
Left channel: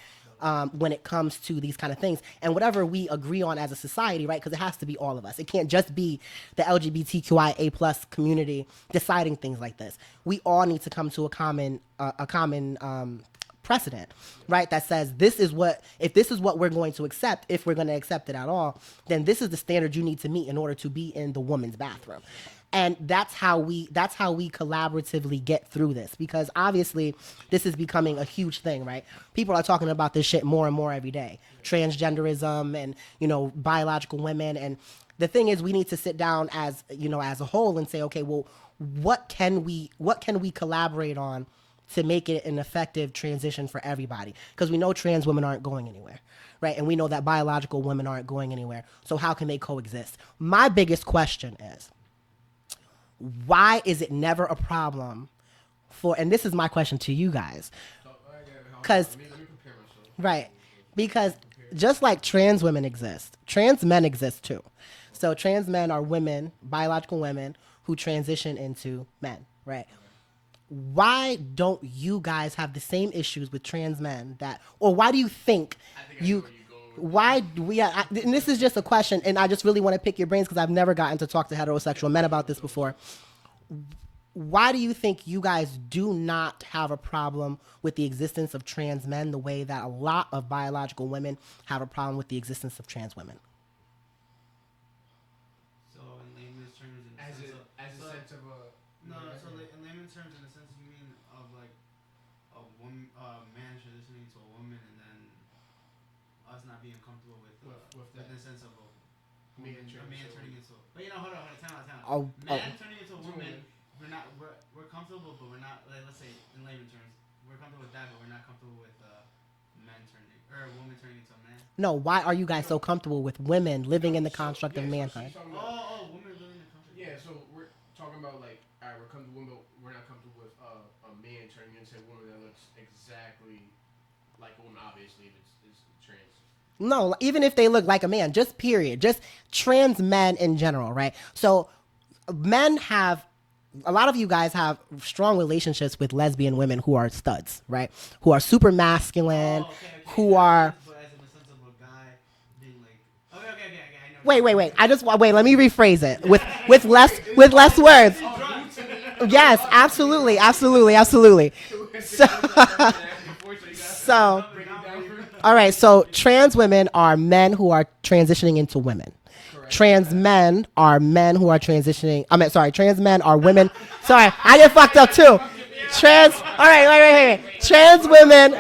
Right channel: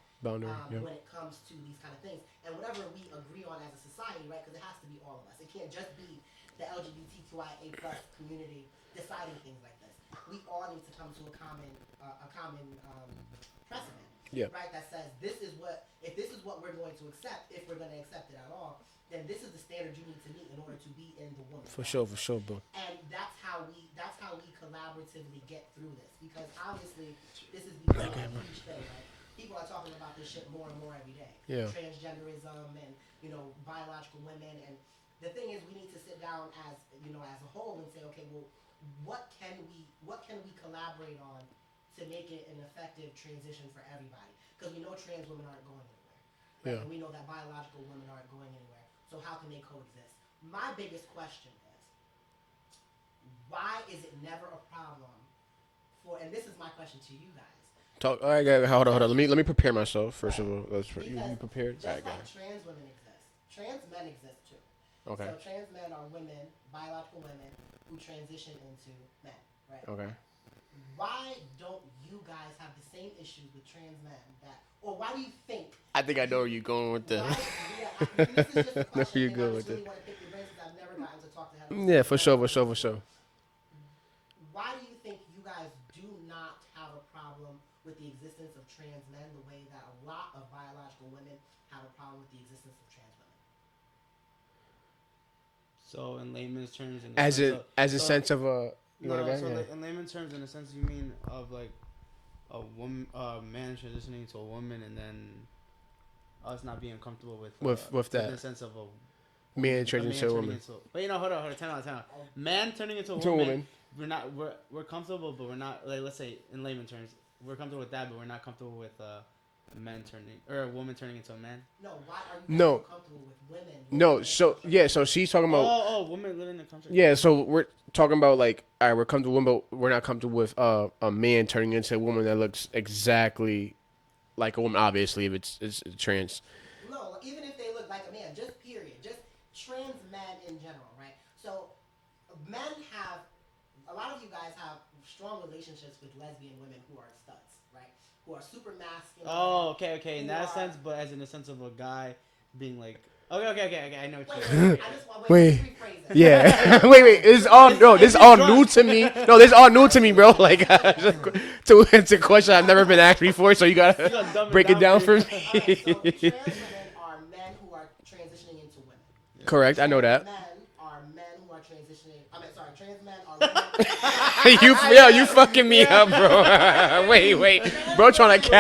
when it comes to these kind of things. And whatever we agree on as a society, right? Because it has to be all of us. It can't just be the LGBTQIA plus community deciding things like this. We all need to come to a common precedent, right? That says if this is what we're going to accept, if we're going to accept it at all, then this is the standard you need to meet in order to be in the woman's bathroom. For sure, bro. And that's how we collaboratively get through this, because obviously this is becoming a huge thing, right? People are talking about this shit more and more every day. Yeah. Transgenderism and biological women, and the thing is, we need to sit down as a whole and say, okay, well, what can we collaborate on to make it an effective transition for everybody? Because we know trans women aren't going anywhere, right? Yeah. And we know that biological women aren't going anywhere. So how can they coexist? My biggest question is, why is it never a problem for, and this is my question to you guys. All right, hold on. Let me prepare myself. Right. Because just like trans women exist, trans men exist too. Okay. So trans men are women, biological women, who transition into men, right? Okay. Why don't you guys have the same issues with trans men or why do you think? I think I know where you're going with this. Why? And this is just a question, and I just really want to pick your brains because I've never gotten to talk to heterosexual men about this before. Why do you think you guys do not have a problem with the existence of trans men the way that a lot of biological women have a problem with the existence of trans women? So in layman's terms, in layman's terms, in a sense, you mean of like a woman, man transitioning to a woman, and then us not being comfortable with that. In the sense of a man transitioning to a woman. But hold on, time out. Man turning into a woman. We're comfortable, but we're not, like, let's say in layman terms, we're comfortable with that, but we're not comfortable with a woman turning into a man. No, why are you guys so comfortable with women living in the construct? Yeah, so she's talking about women living in the construct. Yeah, so we're talking about like, all right, we're comfortable with women, but we're not comfortable with a man turning into a woman that looks exactly like a woman. Obviously, if it's trans. No, even if they look like a man, just trans men in general, right? So men have. A lot of you guys have strong relationships with lesbian women who are studs, right? Who are super masculine. Oh, okay. Who are, but as in the sense of a guy being like, okay. I know. Wait. Let me rephrase it. Yeah. With less words. It's all new to me. No, it's all new to me, bro. Like, absolutely. So it's a question I've never been asked before. So you gotta break it down for me. All right. So trans women are men who are transitioning into women. Correct. Trans men are men who are transitioning. Trans men are women. Sorry, I just fucked up too. You fucking me up. Trans, all right, wait. Trans women.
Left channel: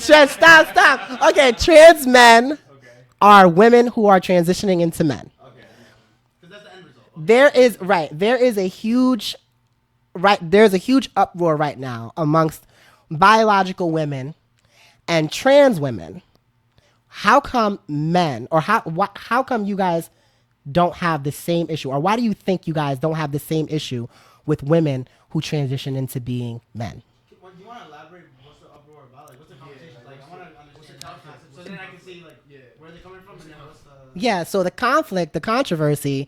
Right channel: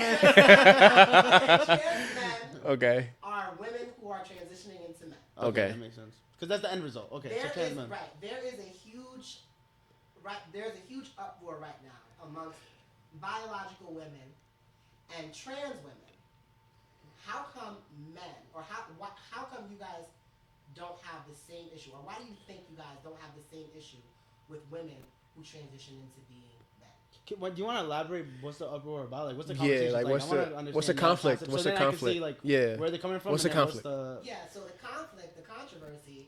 Stop. Okay, trans men. Okay. Are women who are transitioning into men. Okay. Because that's the end result. Okay. There's a huge uproar right now amongst biological women and trans women. How come men, or how come you guys don't have the same issue, or why do you think you guys don't have the same issue with women who transition into being men? Do you want to elaborate? What's the uproar about? Like, what's the conversation? Yeah, like what's the conflict? What's the conflict? Where are they coming from? What's the conflict? So the conflict, the controversy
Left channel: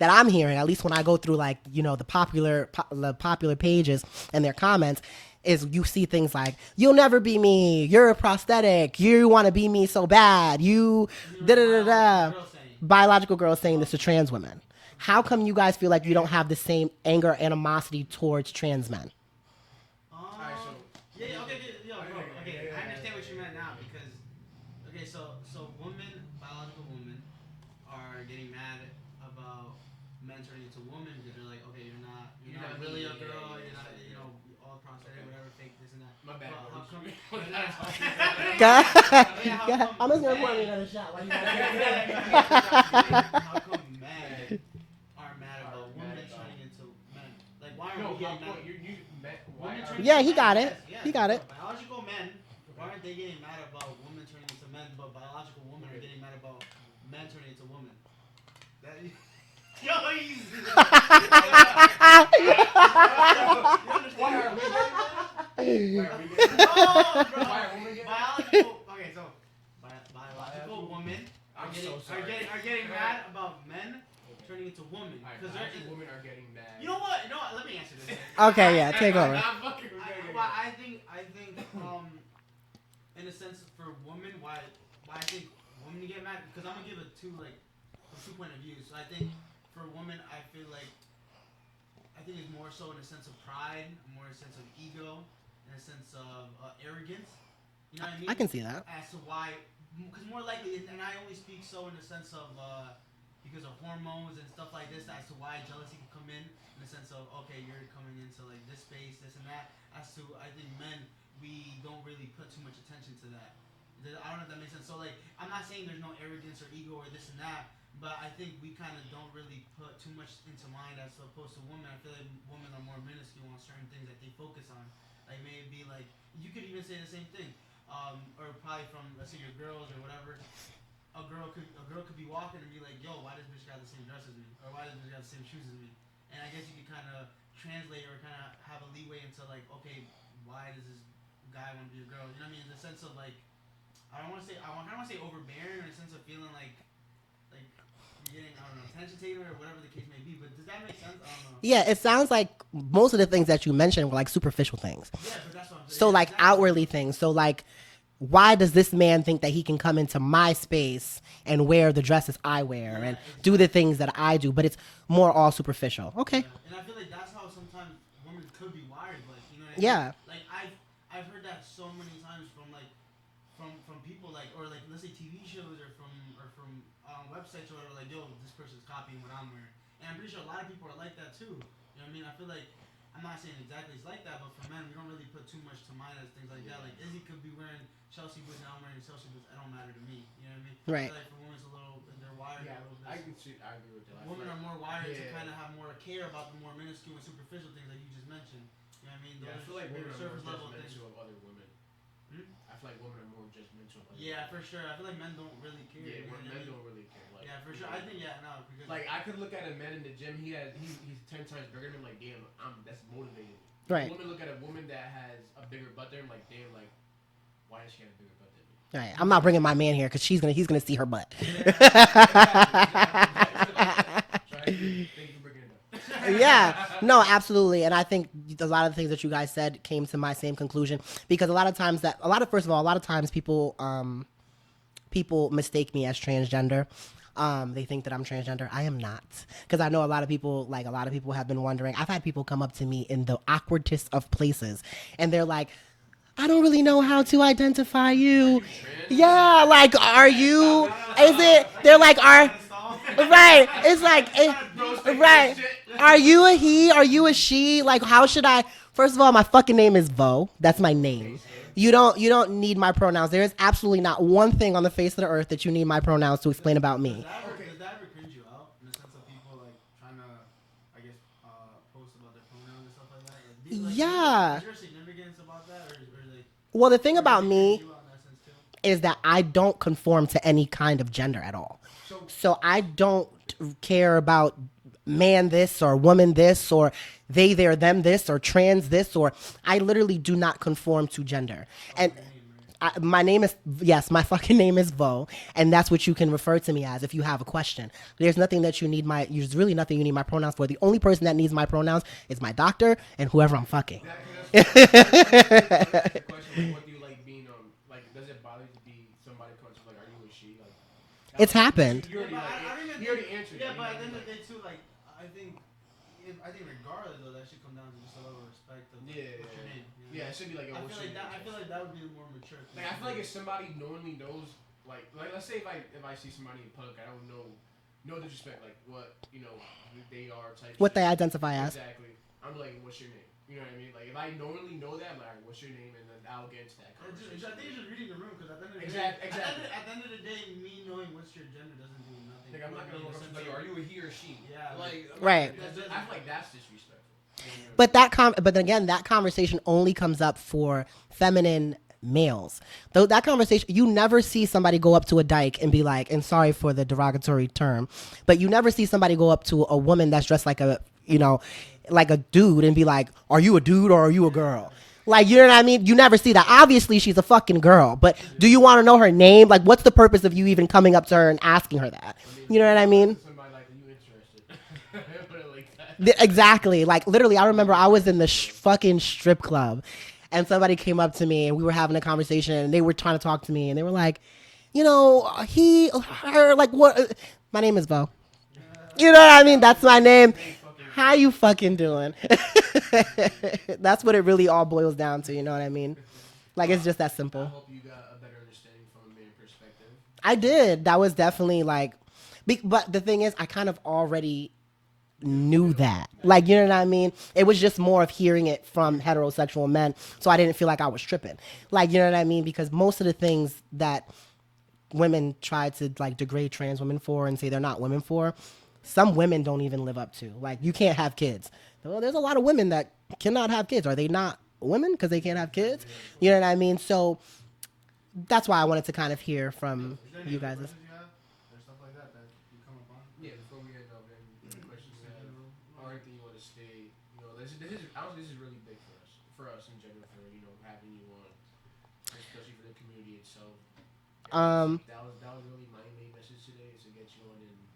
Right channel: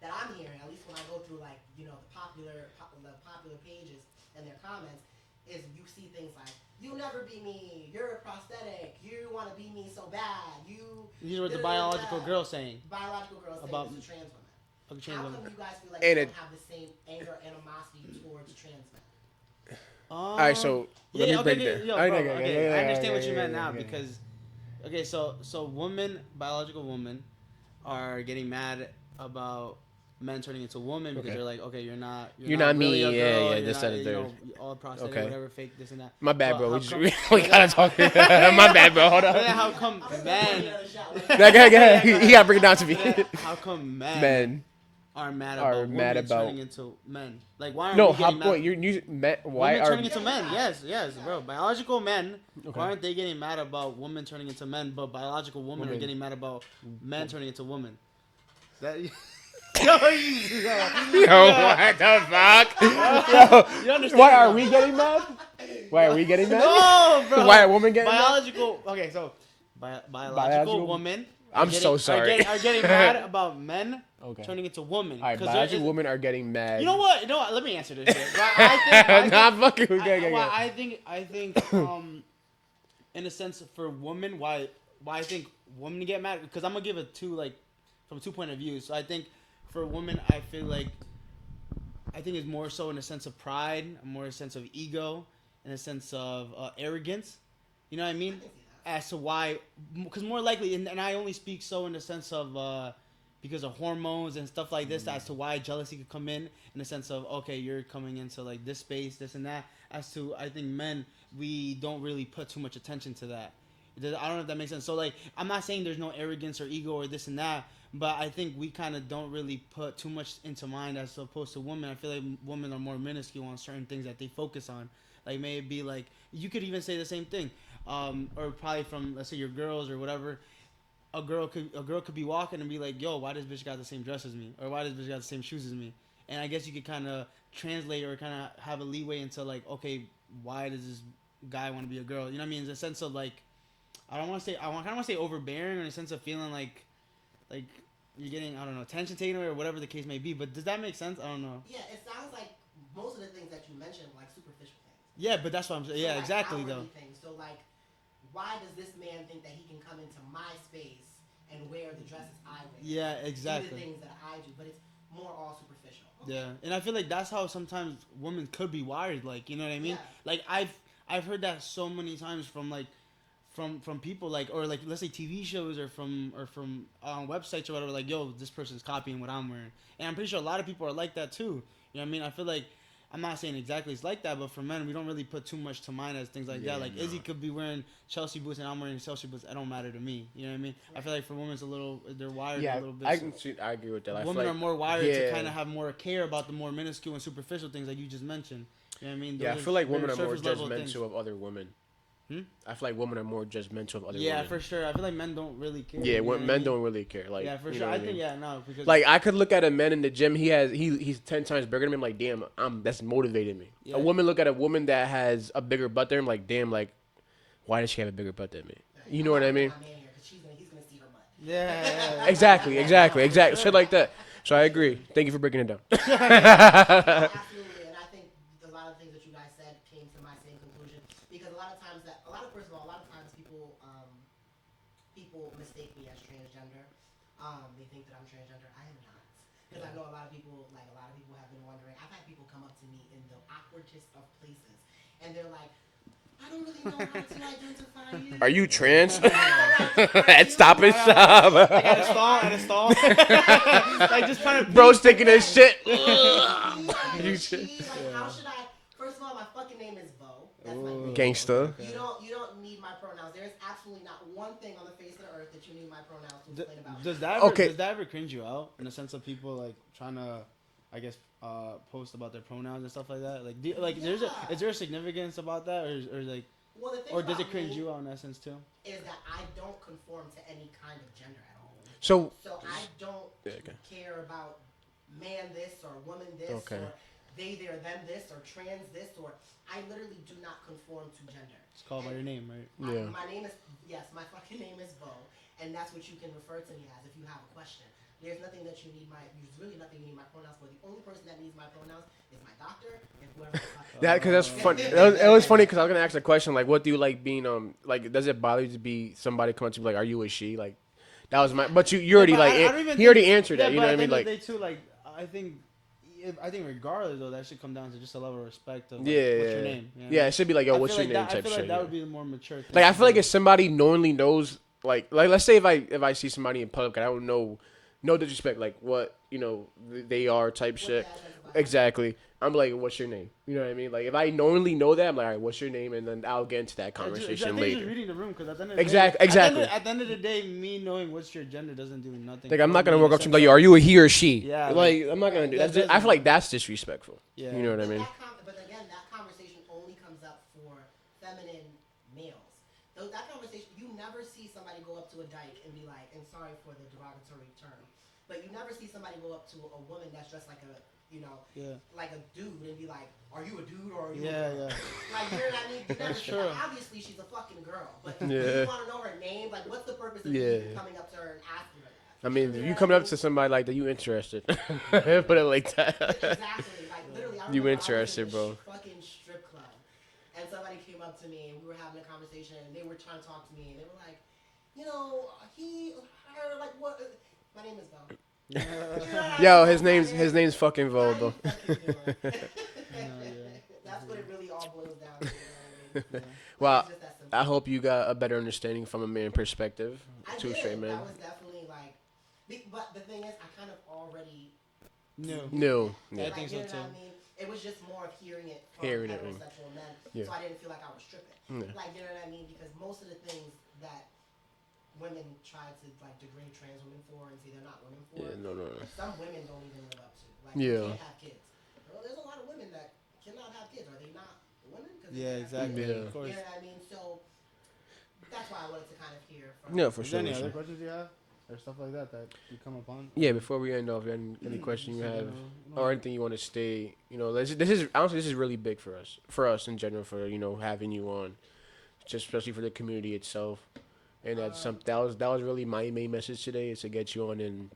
that I'm hearing, at least when I go through the popular pages and their comments, is you see things like, you'll never be me, you're a prosthetic, you want to be me so bad, biological girls saying this to trans women. How come you guys feel like you don't have the same anger, animosity towards trans men? All right, so let me break that. I understand what you meant now, because so biological women are getting mad about men turning into women because they're like, okay, you're not me, really a girl, this and that. All prosthetic, whatever, fake this and that. My bad, bro. We gotta talk. My bad, bro. How come I'm just gonna put another shot. He gotta bring it down to me. How come men are mad about women turning into men? Like, why aren't we getting mad? Why are? Yeah, he got it. Yes, he got it. Biological men. Okay. Why aren't they getting mad about women turning into men, but biological women are getting mad about men turning into women? Is that? What the fuck? Why are we getting mad? Why are we getting mad? No, bro. Why are women getting biological? Mad? Okay, so biological women. I'm so sorry. Are getting mad about men turning into women. All right, biological women are getting mad. You know what? Let me answer this. Okay, yeah. Not fucking. I think, in a sense, for women, why I think women get mad, because I'm gonna give it from 2 point of view. So I think for women, I think it's more so in a sense of pride, more a sense of ego, in a sense of arrogance. You know what I mean? I can see that. As to why, because more likely, and I only speak so in the sense of because of hormones and stuff like this, as to why jealousy could come in the sense of, okay, you're coming into like this space, this and that. As to, I think men, we don't really put too much attention to that. I don't know if that makes sense. So like, I'm not saying there's no arrogance or ego or this and that, but I think we kind of don't really put too much into mind as opposed to women. I feel like women are more minuscule on certain things that they focus on. Like, may it be like, you could even say the same thing, or probably from, let's say, your girls or whatever. A girl could be walking and be like, yo, why does bitch got the same dress as me, or why does bitch got the same shoes as me? And I guess you could kind of translate or kind of have a leeway into like, okay, why does this guy want to be a girl? You know what I mean? In the sense of like, I kind of want to say overbearing, in a sense of feeling like you're getting, I don't know, attention taken or whatever the case may be. But does that make sense? I don't know. Yeah, it sounds like most of the things that you mentioned were like superficial things. Yeah, but that's what I'm saying. So yeah, like exactly. outwardly things. So like, why does this man think that he can come into my space and wear the dresses I wear and do the things that I do? But it's more all superficial. Okay. Yeah. And I feel like that's how sometimes women could be wired. Like, you know what I mean? Yeah. Like I've heard that so many times from like from people, like, or like, let's say TV shows or from websites or whatever, like, yo, this person's copying what I'm wearing. And I'm pretty sure a lot of people are like that too. You know what I mean? I feel like, I'm not saying exactly it's like that, but for men, we don't really put too much to mind as things like that. Like, Izzy could be wearing Chelsea boots and I'm wearing Chelsea boots. It don't matter to me. You know what I mean? Right. I feel like for women, they're wired a little bit. I agree with that. Women are more wired to kind of have more care about the more minuscule and superficial things like you just mentioned. You know what I mean? Yeah, I feel like women are more judgmental of other women. I feel like women are more judgmental of other women. Yeah, for sure. I feel like men don't really care. Yeah, men don't really care. Like, yeah, for sure. I think because like, I could look at a man in the gym. He's 10 times bigger than me. I'm like, damn, that's motivating me. Right. A woman look at a woman that has a bigger butt than him. Like, damn, like, why does she have a bigger butt than me? Right. I'm not bringing my man here because he's gonna see her butt. Yeah, exactly. Shit like that. So I agree. Thank you for breaking it down. Yeah, no, absolutely. And I think a lot of the things that you guys said came to my same conclusion, because a lot of times people mistake me as transgender. They think that I'm transgender. I am not, because I know a lot of people have been wondering. I've had people come up to me in the awkwardest of places, and they're like, I don't really know how to identify you. Are you trans? Yeah, like, are you? Stop it, stop. They're like, right? It's like, bro's thinking this shit. Are you a he? Are you a she? Like, how should I? First of all, my fucking name is Vo. That's my name. Gangsta. You don't need my pronouns. There is absolutely not one thing on the face of the earth that you need my pronouns to explain about me. Does that ever cringe you out in the sense of people like trying to, I guess, post about their pronouns and stuff like that? Like, yeah. Is there a significance about that, or like? Well, the thing about me too? is that I don't conform to any kind of gender at all. So I don't care about man this or woman this or they, their, them this or trans this, or I literally do not conform to gender. And your name, right? my name is, yes, my fucking name is Vo, and that's what you can refer to me as if you have a question. There's nothing that you need there's really nothing you need my pronouns for. The only person that needs my pronouns is my doctor and whoever I'm fucking. Because that's funny. It was funny because I was gonna ask a question like, what do you like being like? Does it bother you to be somebody come up to you like, are you a she? Like, that it's happened. But you already he already answered that. You know what I mean? Like, too, like I think regardless though, that should come down to just a level of respect of what's your name. You know? Yeah, it should be like, yo, what's your name type shit. I feel like that would be the more mature thing. Like, I feel like if somebody knowingly knows, like let's say if I see somebody in public and I don't know, no disrespect, like what they are type what shit. What they identify as. Exactly. I'm like, what's your name? You know what I mean? Like, if I knowingly know that, I'm like, all right, what's your name? And then I'll get into that conversation later. Just reading the room, because at the end of the exactly. At the end of the day, me knowing what's your gender doesn't do nothing. Like, I'm not gonna walk up to you like, are you a he or she? Yeah. Like, I'm not gonna do that. I feel like that's disrespectful. Yeah. You know what but I mean? but then again, that conversation only comes up for feminine males. Though that conversation, you never see somebody go up to a dyke and be like, and sorry for the derogatory term, but you never see somebody go up to a woman that's dressed like a, like a dude and be like, are you a dude or are you a girl? Like, you know what I mean? You never see that. Obviously, she's a fucking girl, but do you want to know her name? Like, what's the purpose of you even coming up to her and asking her that? I mean, you know what I mean? Up to somebody like that, you interested? Put it like that. Exactly. Like, literally, I remember I was in the fucking strip club, and somebody came up to me, and we were having a conversation, and they were trying to talk to me, and they were like, he, her, like, what? My name is Vo. You know what I mean? That's my name. His name's fucking Vo. How you fucking doing? That's what it really all boils down to. You know what I mean? Like, it's just that simple. I hope you got a better understanding from a man perspective. I did. That was definitely like, but the thing is, I kind of already knew that. Yeah. Like, you know what I mean? It was just more of hearing it from heterosexual men. Yeah. So I didn't feel like I was tripping. Yeah. Like, you know what I mean? Because most of the things that women try to like degrade trans women for and say they're not women for, some women don't even live up to. Like, you can't have kids. Well, there's a lot of women that cannot have kids. Are they not women because they can't have kids? Yeah. You know what I mean? So that's why I wanted to kind of hear from for sure. Any other questions you have or stuff like that you come up on? Yeah, before we end off, any question you have or anything you want to stay, this is honestly, this is really big for us in general, for having you on, just especially for the community itself. And that was really my main message today, is to get you on and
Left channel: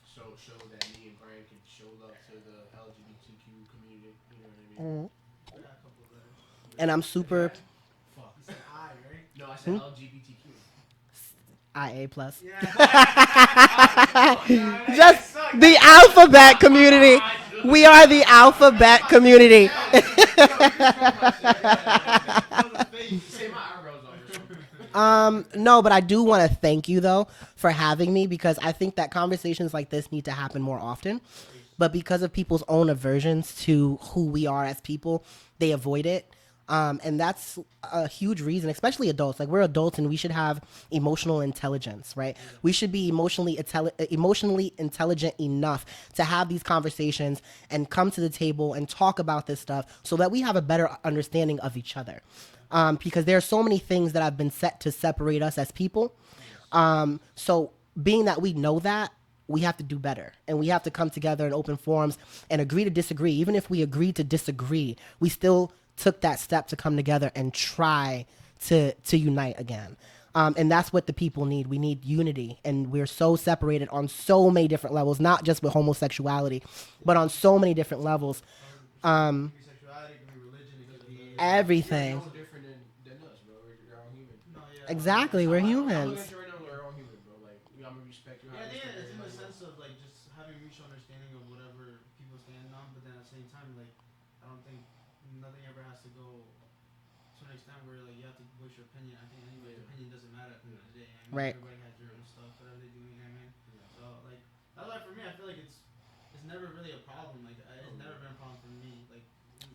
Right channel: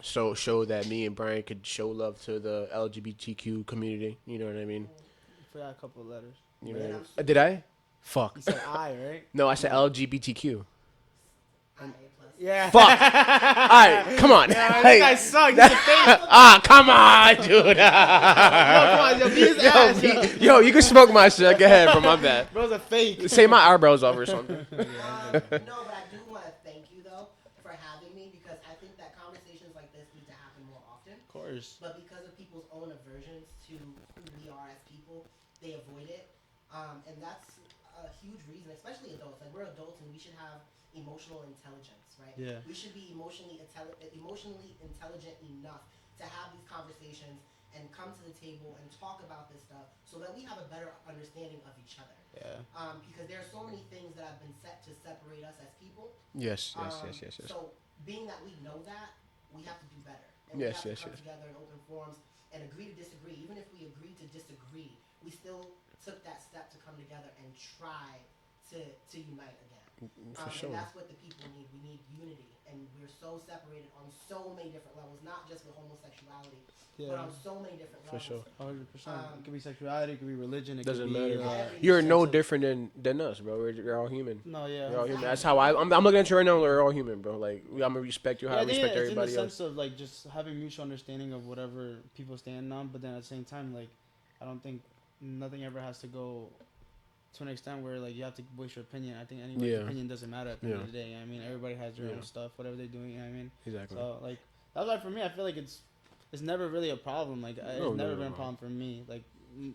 show that me and Brian could show love to the LGBTQ community. You know what I mean? Yeah, a couple of letters. And I'm super. Did I? Fuck. You said I, right? No, I said LGBTQ. IA plus. Yeah. Fuck. All right, come on. Hey, that sucks. The alphabet community. We are the alphabet community. Yo, you can smoke my shit. Go ahead, from my bad. That was a fake. Say my eyebrows off or something. No, but I do want to thank you though for having me, because I think that conversations like this need to happen more often. Of course. But because of people's own aversions to who we are as people, they avoid it. And that's a huge reason, especially adults. Like, we're adults and we should have emotional intelligence, right? Yeah. We should be emotionally intelligent enough to have these conversations and come to the table and talk about this stuff so that we have a better understanding of each other. Yeah. Because there are so many things that have been set to separate us as people. Yes. So being that we know that, we have to do better, and we have to come together in open forums and agree to disagree. Even if we agree to disagree, we still took that step to come together and try to unite again. And that's what the people need. We need unity, and we're so separated on so many different levels, not just with homosexuality, but on so many different levels. It could be sexuality, it could be religion, it doesn't could be matter. Everything. You're no different than us, bro. We're all human. No, yeah. Exactly. That's how I'm looking at you right now. We're all human, bro. Like, I'm gonna respect you how I respect everybody it's in the else. sense of like just having mutual understanding of whatever people stand on, but then at the same time, like, I don't think nothing ever has to go to an extent where like you have to voice your opinion. I think anybody's opinion doesn't matter at the end of the day. You know what I mean, everybody has their own stuff, whatever they're doing. You know what I mean, exactly. So like that's why for me, I feel like it's never really a problem. Like it's never been a problem for me. Like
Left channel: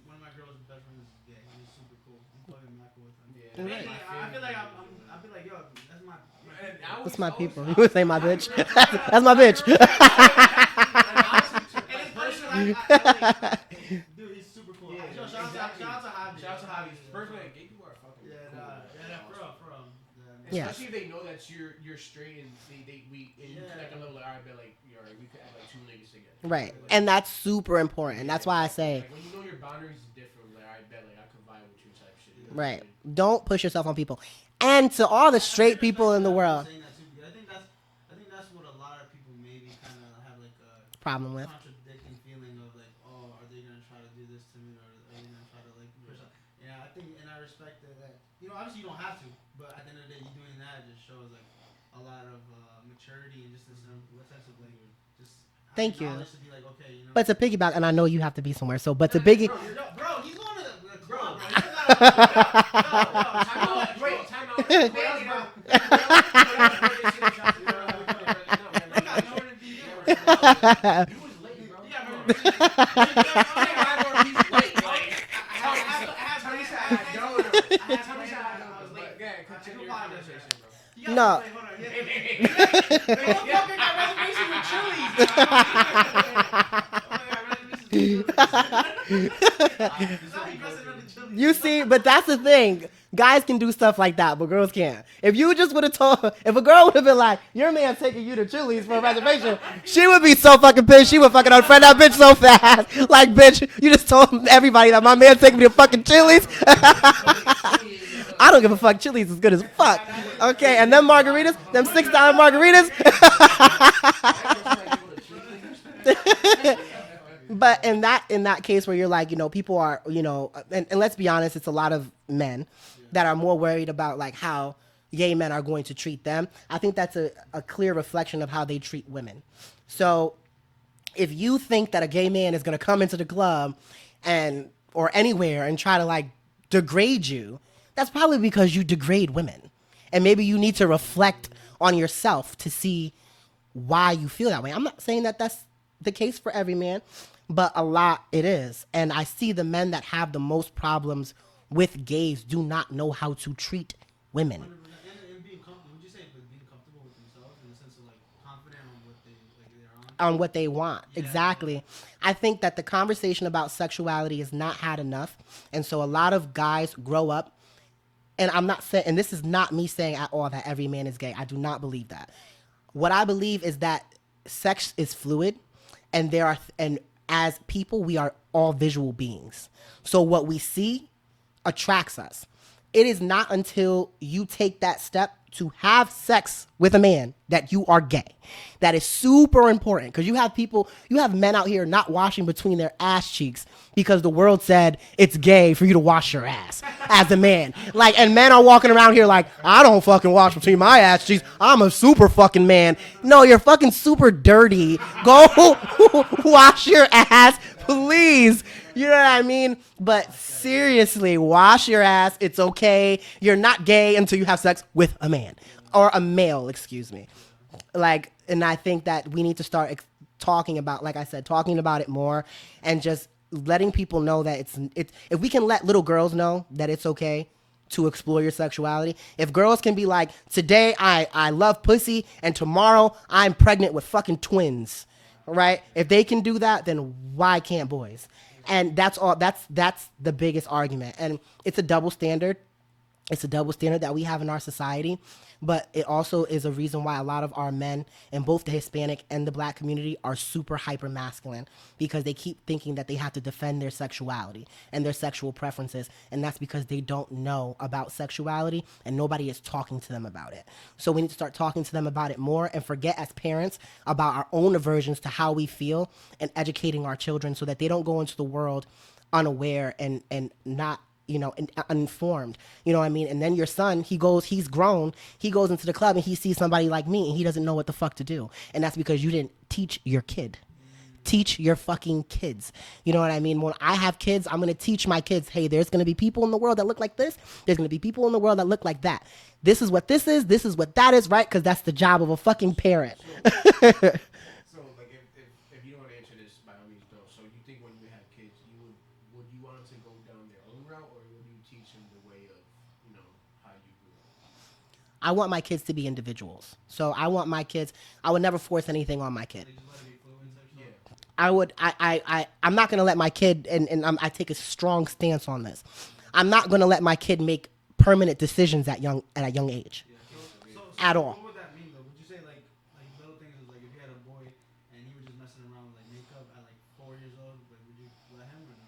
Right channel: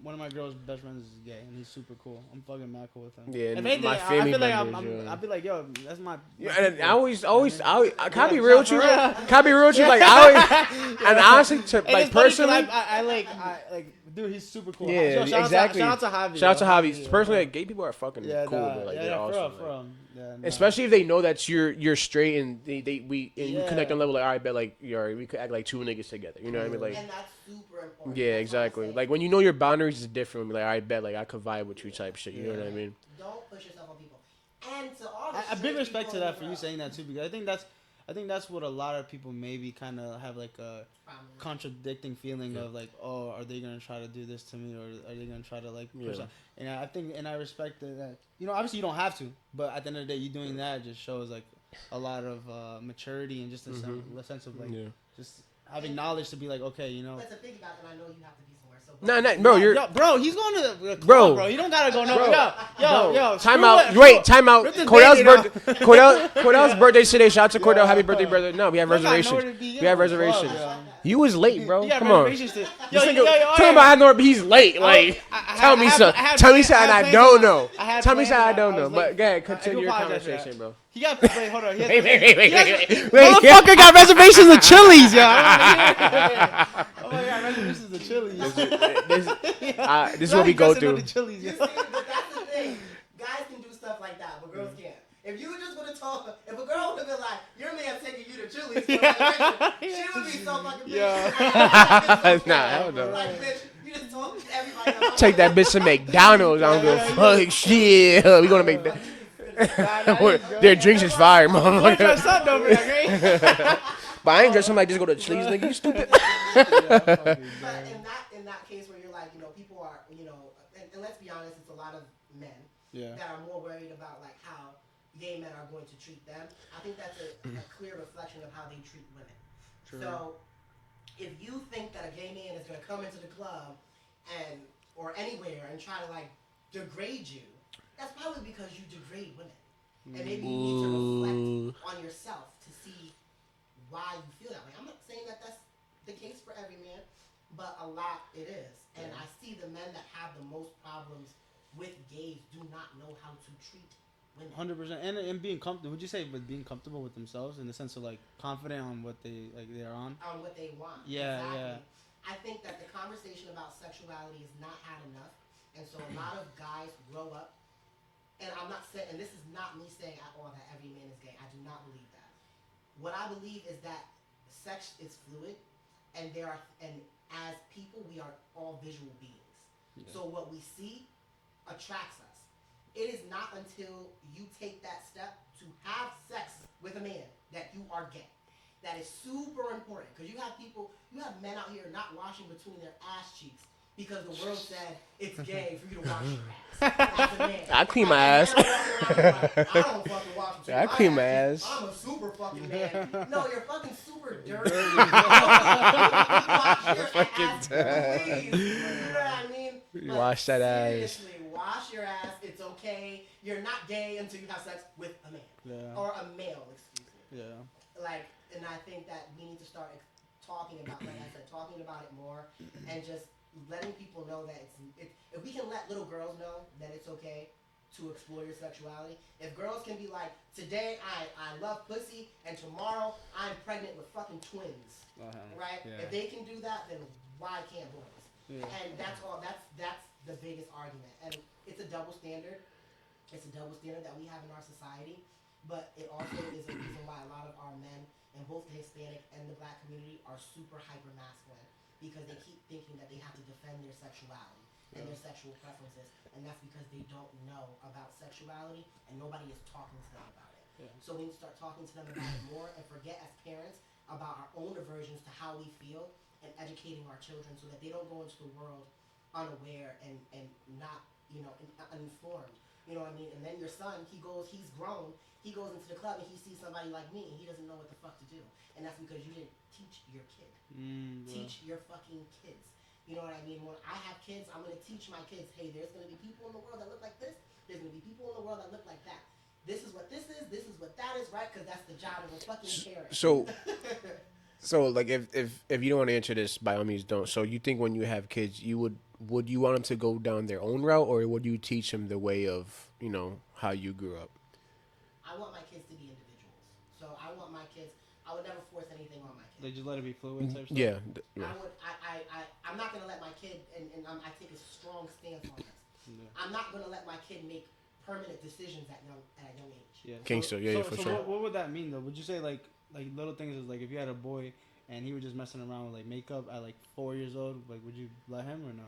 one of my girl's best friends is gay, and he's super cool. I'm fucking mad cool with him. Yeah, and my family members. I'd be like, yo, that's my. Yeah, and I always, I can't be real with you. That's my bitch. Like, and honestly, like personally, dude, he's super cool. Yeah, yo, exactly. Shout out to Javi. Shout out to Javi. Personally, like, gay people are fucking cool, but like they're awesome. Especially if they know that you're straight and you connect on level like, all right, bet like we could act like two niggas together, you know what I mean? Like, and that's super important. That's why I say like when you know your boundaries is different. Like, I bet like I could vibe with you type shit. You know what I mean? Don't push yourself on people. And to all the straight people in the world, saying that too, because I think that's what a lot of people maybe kind of have like a problem with, contradicting feeling of like, oh, are they gonna try to do this to me, or are they gonna try to like push on? And I think, and I respect that. You know, obviously you don't have to, but at the end of the day, you doing that just shows like a lot of maturity and just a sense of like just having knowledge to be like, okay, you know. But to piggyback, and I know you have to be somewhere, so bro, bro, he's going to the club, bro. You don't gotta go. Yo, time out. Wait, time out. Cordell's birthday today. Shout out to Cordell. Happy birthday, brother. No, we have reservations. You was late, bro. Come on. Tell him I know he's late. Like, tell me something. Tell me something I don't know. Tell me something I don't know. But go ahead, continue your conversation, bro. No. Hold on. Wait. Motherfucker got reservations at Chili's, yo. This is what we go through. You see, but that's the thing. Guys can do stuff like that, but girls can't. If you just would have told, if a girl would have been like, your man taking you to Chili's for a reservation, she would be so fucking pissed. She would fucking unfriend that bitch so fast. Like, bitch, you just told everybody that my man taking me to fucking Chili's. I don't give a fuck. Chili's is good as fuck. Okay, and then margaritas, them $6 margaritas. I ain't just somebody just go to Chili's, nigga. You stupid. But in that case where you're like, you know, people are, you know, and let's be honest, it's a lot of men that are more worried about like how gay men are going to treat them. I think that's a clear reflection of how they treat women. So if you think that a gay man is going to come into the club or anywhere and try to like degrade you, that's probably because you degrade women. And maybe you need to reflect on yourself to see why you feel that way. I'm not saying that that's the case for every man, but a lot it is. And I see the men that have the most problems with gays do not know how to treat women. 100%. And being comfortable, would you say, but being comfortable with themselves in the sense of like confident on what they're on? On what they want. Yeah, exactly. Yeah. I think that the conversation about sexuality is not had enough. And so a lot of guys grow up, and I'm not saying, and this is not me saying at all that every man is gay. I do not believe that. What I believe is that sex is fluid, and and as people, we are all visual beings. So what we see attracts us. It is not until you take that step to have sex with a man that you are gay. That is super important, because you have men out here not washing between their ass cheeks because the world said it's gay for you to wash your ass as a man. Like, and men are walking around here like, I don't fucking wash between my ass cheeks. I'm a super fucking man. No, you're fucking super dirty. Go wash your ass, please. You know what I mean? But seriously, wash your ass. It's okay. You're not gay until you have sex with a man or a male, excuse me. Like, and I think that we need to start talking about, like I said, talking about it more, and just letting people know that it's if we can let little girls know that it's okay to explore your sexuality. If girls can be like, today I love pussy and tomorrow I'm pregnant with fucking twins, right? Yeah. If they can do that, then why can't boys? And that's all. That's the biggest argument, and it's a double standard. It's a double standard that we have in our society, but it also is a reason why a lot of our men in both the Hispanic and the Black community are super hyper masculine, because they keep thinking that they have to defend their sexuality and their sexual preferences, and that's because they don't know about sexuality and nobody is talking to them about it. So we need to start talking to them about it more, and forget as parents about our own aversions to how we feel, and educating our children so that they don't go into the world unaware and not, you know, uninformed. You know what I mean? And then your son, he's grown, he goes into the club and he sees somebody like me and he doesn't know what the fuck to do. And that's because you didn't teach your kid teach your fucking kids. You know what I mean? When I have kids, I'm going to teach my kids, hey, there's going to be people in the world that look like this. There's going to be people in the world that look like that. This is what this is. This is what that is, right? Because that's the job of a fucking parent. So, like, if you don't want to answer this, by all means, don't. So you think when you have kids, would you want them to go down their own route, or would you teach them the way of, how you grew up? I want my kids to be individuals. So I want my kids. I would never force anything on my kid. They just let it be fluid type stuff? Yeah. I would. I'm not gonna let my kid, and I take a strong stance on this. I'm not gonna let my kid make permanent decisions at a young age. Yeah. For sure. At all. What would that mean though? Would you say like little things is like if you had a boy and he was just messing around with like makeup at like 4 years old, like would you let him or no?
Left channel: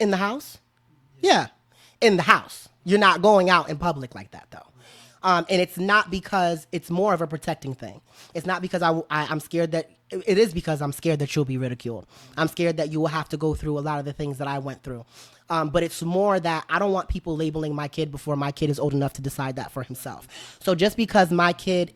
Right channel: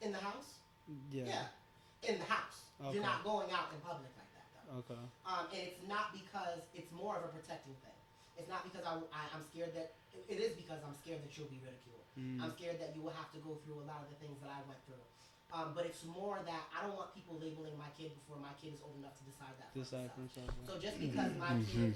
In the house? Yeah. In the house. Okay. You're not going out in public like that though. Okay. And it's not because it's more of a protecting thing. It's not because I'm scared that it is because I'm scared that you'll be ridiculed. Mm-hmm. I'm scared that you will have to go through a lot of the things that I went through. But it's more that I don't want people labeling my kid before my kid is old enough to decide that for himself. So just because my kid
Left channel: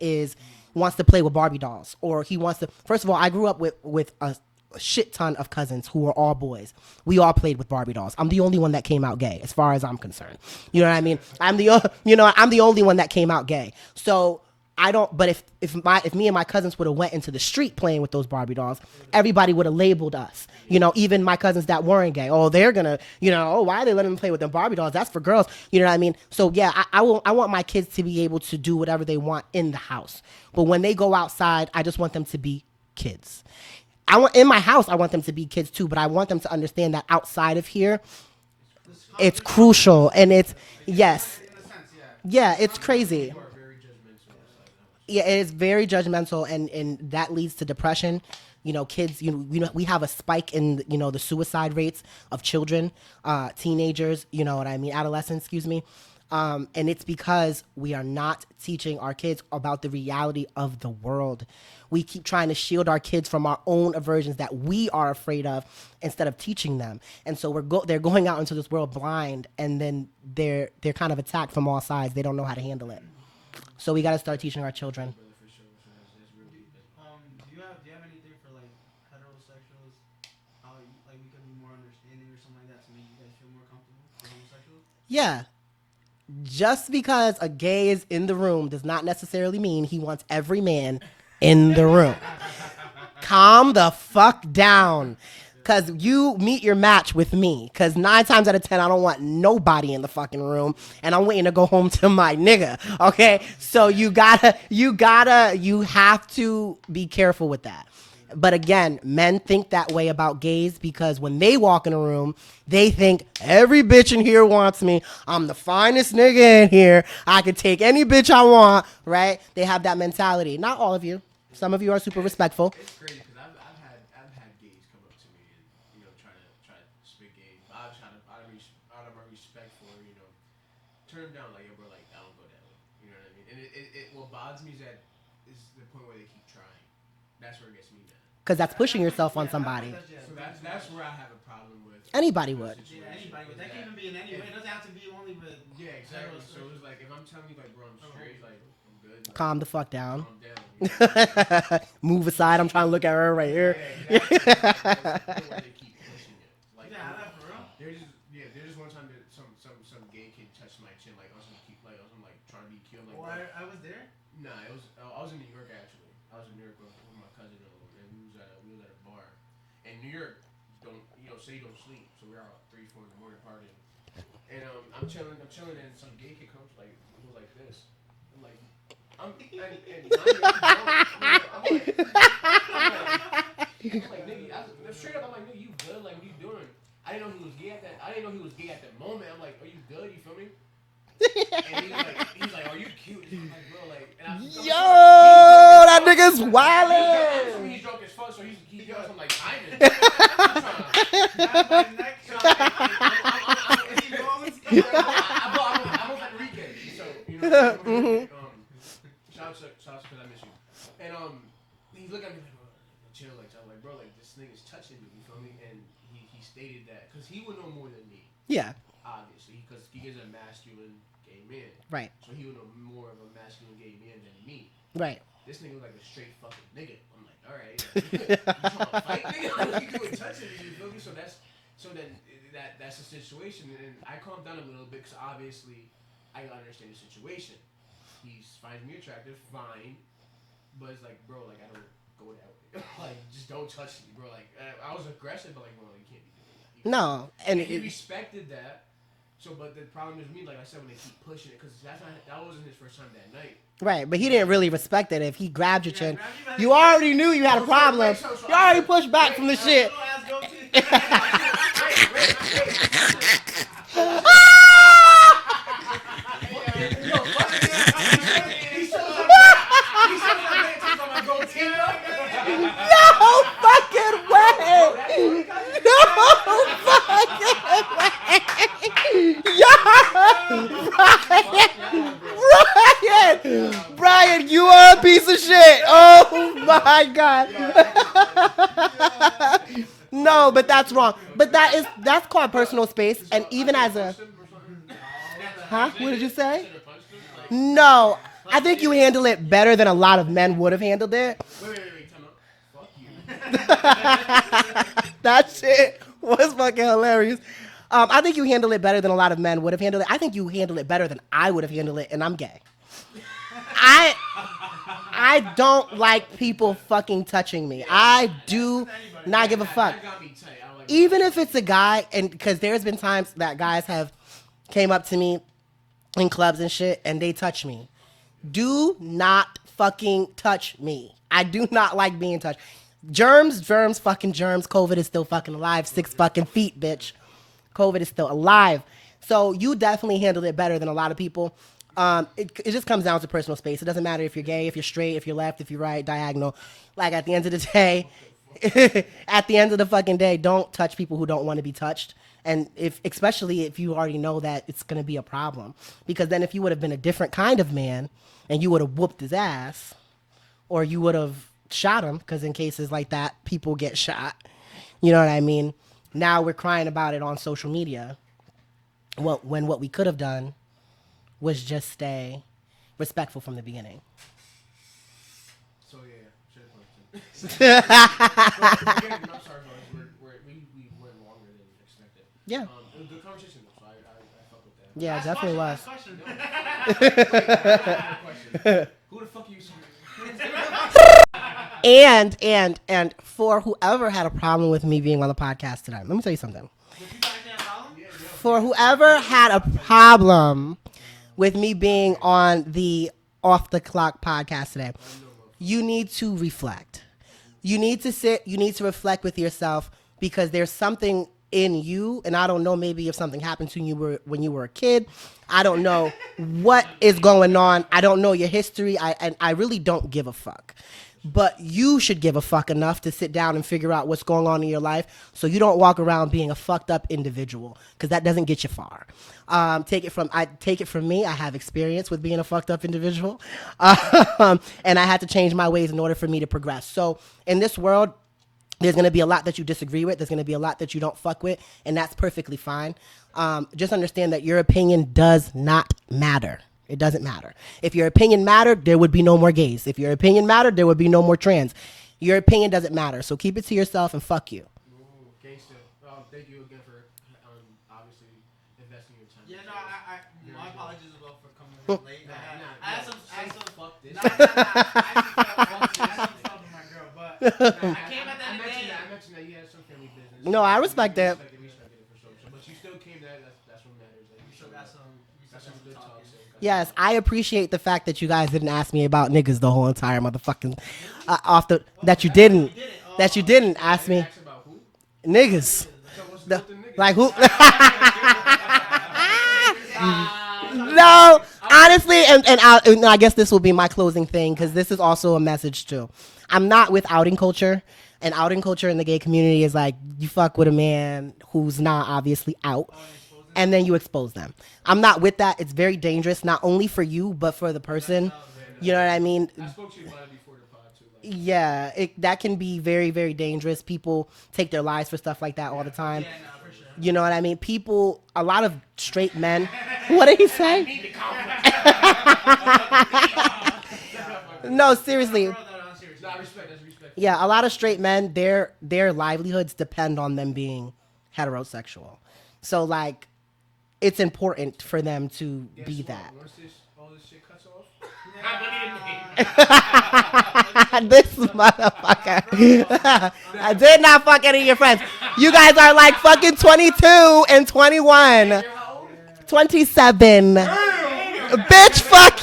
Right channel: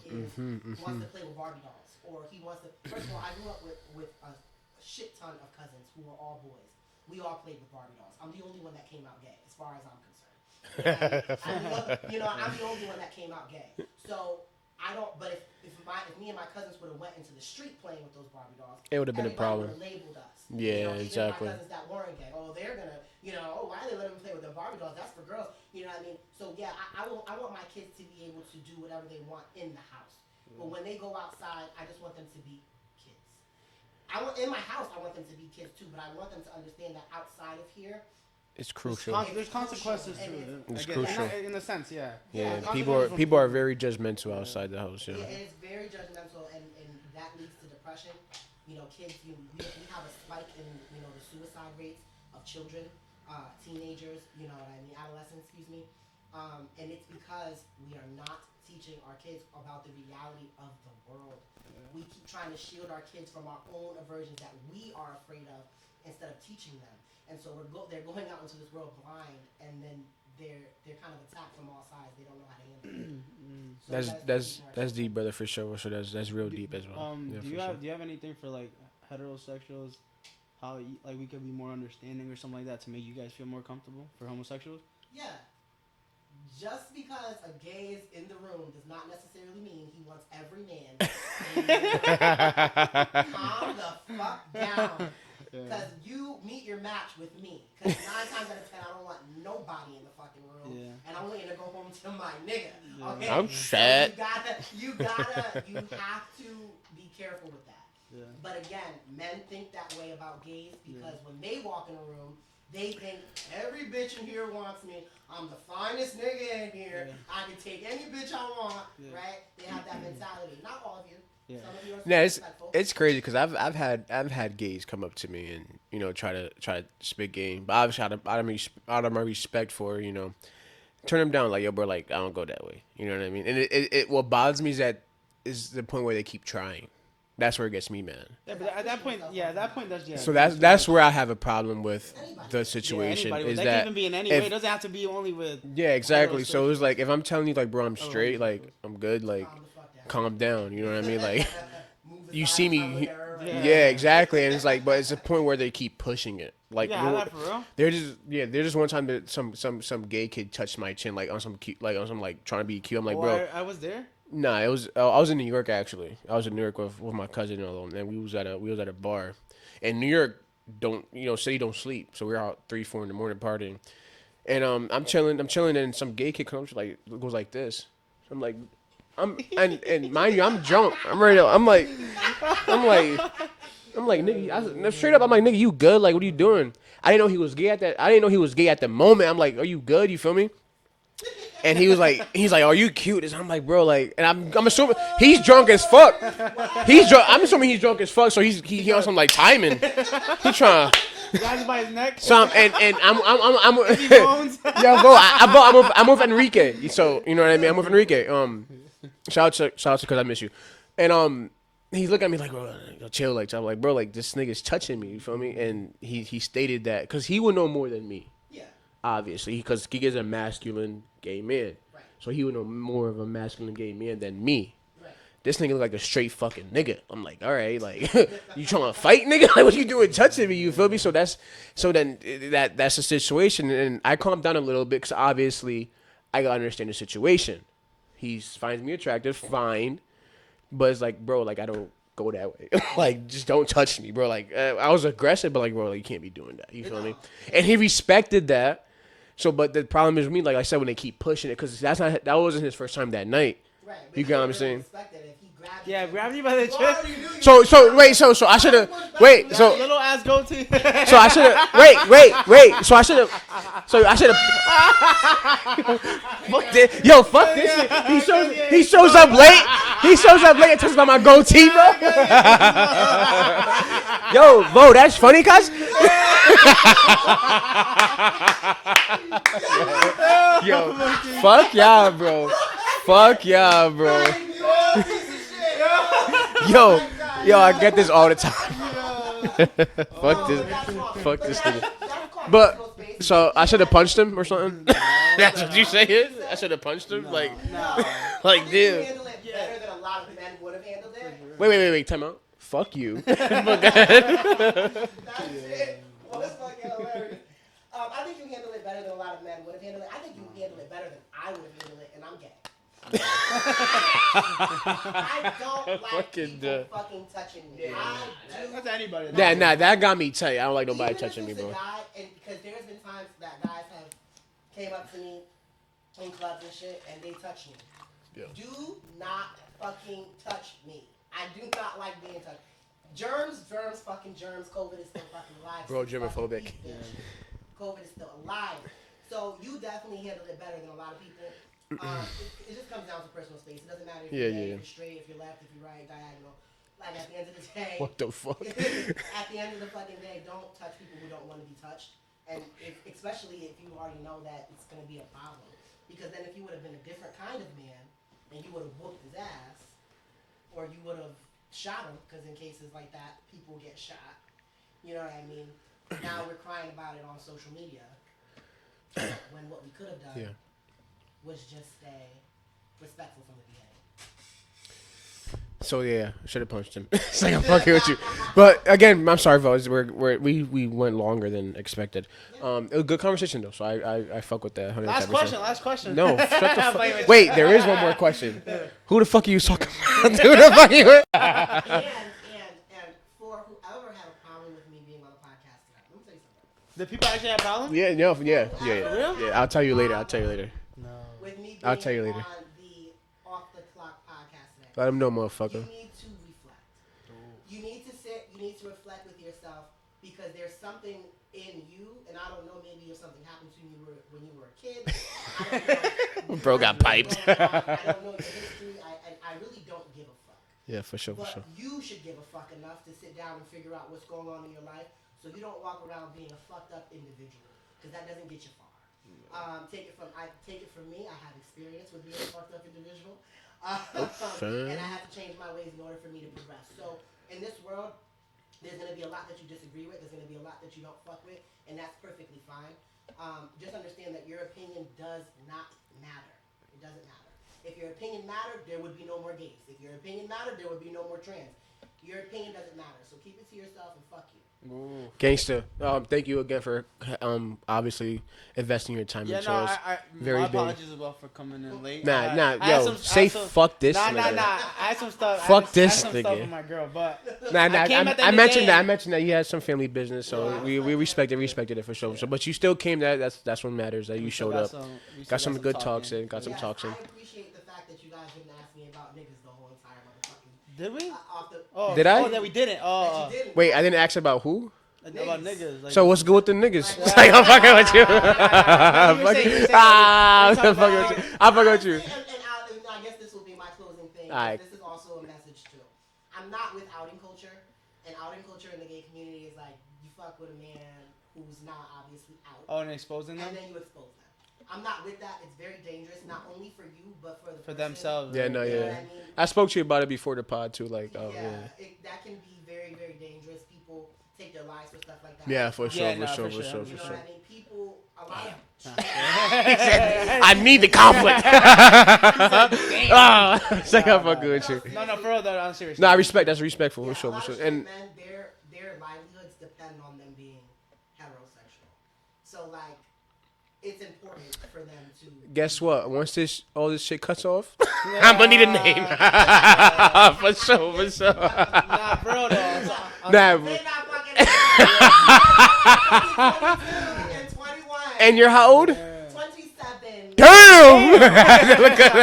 wants to play with Barbie dolls, or he wants to, first of all, I grew up with a shit ton of cousins who were all boys. We all played with Barbie dolls. I'm the only one that came out gay, as far as I'm concerned. You know what I mean? I'm the only one that came out gay. So I don't. But if me and my cousins would have went into the street playing with those Barbie dolls, everybody would have labeled us. Yeah, even my cousins that weren't gay. Oh, they're gonna. Oh, why are they letting them play with them Barbie dolls? That's for girls. You know what I mean? So yeah, I want my kids to be able to do whatever they want in the house. But when they go outside, I just want them to be kids. In my house, I want them to be kids too. But I want them to understand that outside of here, it's crucial. It's crucial, and it's yes. In a sense, yeah. Yeah, it's crazy. People are very judgmental outside the house. Yeah, it is very judgmental, and that leads to depression. Kids. We have a spike in the suicide rates of children, teenagers. You know what I mean? Adolescents. Excuse me. And it's because we are not teaching our kids about the reality of the world. We keep trying to shield our kids from our own aversions that we are afraid of instead of teaching them. And so they're going out into this world blind, and then they're kind of attacked from all sides. They don't know how to handle it. So we got to start teaching our children. That's deep, brother, for sure. So that's real deep as well. Do you have anything for like heterosexuals? How like we could be more understanding or something like that to make you guys feel more comfortable for homosexuals? Yeah. Just because a gay is in the room does not necessarily mean he wants every man in the room. Calm the fuck down. Because you meet your match with me. Because 9 times out of 10, I don't want nobody in the fucking room. And I'm waiting to go home to my nigga. Okay? So you have to be careful with that. But again, men think that way about gays because when they walk in a room, they think every bitch in here wants me. I'm the finest nigga in here. I could take any bitch I want, right? They have that mentality. Not all of you. Yeah. Some of you are super respectful. It's crazy because I've had gays come up to me and try to spit game, but obviously out of my respect for turn them down like yo bro, like I don't go that way. You know what I mean? And it what bothers me is the point where they keep trying. That's where it gets me, man. Because that's pushing yourself on somebody. So that's where I have a problem with anybody the situation. Yeah, is that that can even be in any way. It doesn't have to be only with. Yeah, exactly. So it's like if I'm telling you like, bro, I'm straight, like I'm good, like calm the fuck down. Calm down. You know what I mean? Like move aside. I'm trying to look at her right here. Yeah, exactly. It's like, but it's a point where they keep pushing it. Like for real? There's just one time that some gay kid touched my chin like on some trying to be cute. I'm like, bro, I was there. Nah, it was I was in New York actually. I was in New York with my cousin and we was at a bar. And New York city don't sleep. So we were out 3-4 in the morning partying. And I'm chilling and some gay kid comes like goes like this. I'm like and mind you, I'm drunk. I'm like nigga, straight up I'm like, nigga, you good? Like what are you doing? I didn't know he was gay at the moment. I'm like, are you good? You feel me? And he's like, are you cute? And I'm like, bro, like, and I'm assuming he's drunk as fuck. That nigga's wild. He's drunk. I'm assuming he's drunk as fuck. So he on some like timing. He trying. So I'm I'm with Enrique. So you know what I mean. I'm with Enrique. Shout out to because I miss you. And he's looking at me like, bro, chill. Like I'm like, bro, like this nigga's touching me. You feel me? And he stated that because he would know more than me. Yeah. Obviously, because he is a masculine gay man. Right. So he would know more of a masculine gay man than me. Right. This nigga look like a straight fucking nigga. I'm like, all right, like you trying to fight, nigga? Like what you doing touching me? You feel me? So that's the situation, and I calmed down a little bit because obviously I gotta understand the situation. He finds me attractive, fine, but it's like, bro, like I don't go that way. Like just don't touch me, bro. Like I was aggressive, but like, bro, like, you can't be doing that. You feel me? And he respected that. So, but the problem is with me, like I said, when they keep pushing it, because that wasn't his first time that night. Right, but he didn't really respect it. If he grabbed your chin, you already knew you had a problem. Wait, so I should have pushed back from the shit. Little ass goatee. So I should have wait. So I should have. Fuck this. Yo, fuck this. He shows up late. He shows up late and talks about my goatee, bro. Yo, bro, that's funny, cuz. Yo, fuck y'all, bro. Fuck y'all, bro. Brian, you are a piece of shit. Oh my God. Yo, I get this all the time. No, but that's wrong. But that's called personal space. So I should have punched him or something. That's what you What did you say? I should have punched him. Like no, like, I think you handle it better than a lot of men would have handled it. Wait. Time out. Fuck you. That shit was fucking hilarious. I think you handle it better than a lot of men would have handled it. I think you handle it better than I would have handled it, and I'm gay. I don't like people fucking touching me. I do not give a fuck. That got me tight. I don't like nobody Even if it's me, a bro. guy, and because there's been times that guys have came up to me in clubs and shit, and they touch me. Yeah. Do not fucking touch me. I do not like being touched. Germs, fucking germs. COVID is still fucking alive. Bro, 6 fucking feet, bitch. COVID is still alive. So you definitely handled it better than a lot of people. It just comes down to personal space. It doesn't matter if you're gay, if you're straight, if you're left, if you're right, diagonal. Like at the end of the day, what the fuck? At the end of the fucking day, don't touch people who don't want to be touched. And especially if you already know that it's going to be a problem. Because then if you would have been a different kind of man and you would have whooped his ass or you would have shot him, because in cases like that, people get shot. You know what I mean? Now we're crying about it on social media. When what we could have done was just stay respectful from the beginning. So yeah, I should have punched him. It's like, I'm fucking with you. But again, I'm sorry, fellas. We went longer than expected. Yeah. It was a good conversation though, so I fuck with that. Yeah, Last question. No, shut the fuck. Wait, there is one more question. Who the fuck are you talking about? Who the fuck are you? And for whoever had a problem with me being on the podcast tonight, let me tell you something. The people actually have problems? Yeah, no. For whoever had a problem with me being on the Off the Clock podcast today, I'm no motherfucker. You need to reflect. You need to sit. You need to reflect with yourself because there's something in you, and I don't know. Maybe if something happened to you when you were a kid, I don't know what is going on. I don't know your history. I really don't give a fuck. Yeah, for sure. But you should give a fuck enough to sit down and figure out what's going on in your life, so you don't walk around being a fucked up individual, because that doesn't get you far. Take it from me. I have experience with being a fucked up individual, and I had to change my ways in order for me to progress. So in this world, there's going to be a lot that you disagree with. There's going to be a lot that you don't fuck with, and that's perfectly fine. Just understand that your opinion does not matter. It doesn't matter. If your opinion mattered, there would be no more gays. If your opinion mattered, there would be no more trans. Your opinion doesn't matter. So keep it to yourself and fuck you. Gangsta. Thank you again for obviously investing your time into us. Very my apologies as well for coming in late. Fuck this nigga. Fuck this nigga. My girl, but I mentioned that you had some family business. So no, I respect that. We respected it for sure. So, but you still came. That's what matters. That you showed up. Got some good talks in. Yes, I appreciate the fact that you guys didn't ask me about niggas the whole entire motherfucking that you didn't. That you didn't. Wait, I didn't ask about who. Niggas. So what's good with the niggas? Like who? I'm fucking with you. No, honestly, and I guess this will be my closing thing because this is also a message too. I'm not with outing culture, and outing culture in the gay community is like you fuck with a man who's not obviously out, and then you expose them. I'm not with that. It's very dangerous, not only for you, but for the person. Yeah, no, you know what I mean? I spoke to you about it before the pod too. Like, that can be very, very dangerous. People take their lives for stuff like that all the time. For sure. You know what I mean? A lot of straight men. What did he say? I need the conflict. No, seriously. No, I respect. That's respectful. Yeah, a lot of straight men, their livelihoods depend on them being heterosexual. So like, it's important for them to. Guess what? That. Once all this shit cuts off, I'm gonna need a name. This motherfucker. I did not fuck any of your friends. You guys are like fucking 22 and 21. And you're how old? 27. Damn! Bitch, fuck.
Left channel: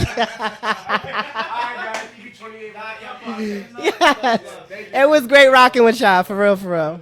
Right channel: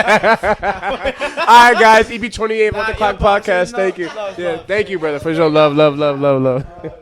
All right, guys. EP.28 Off the Clock podcast. Thank you. Yeah, thank you. It was great rocking with y'all. For real.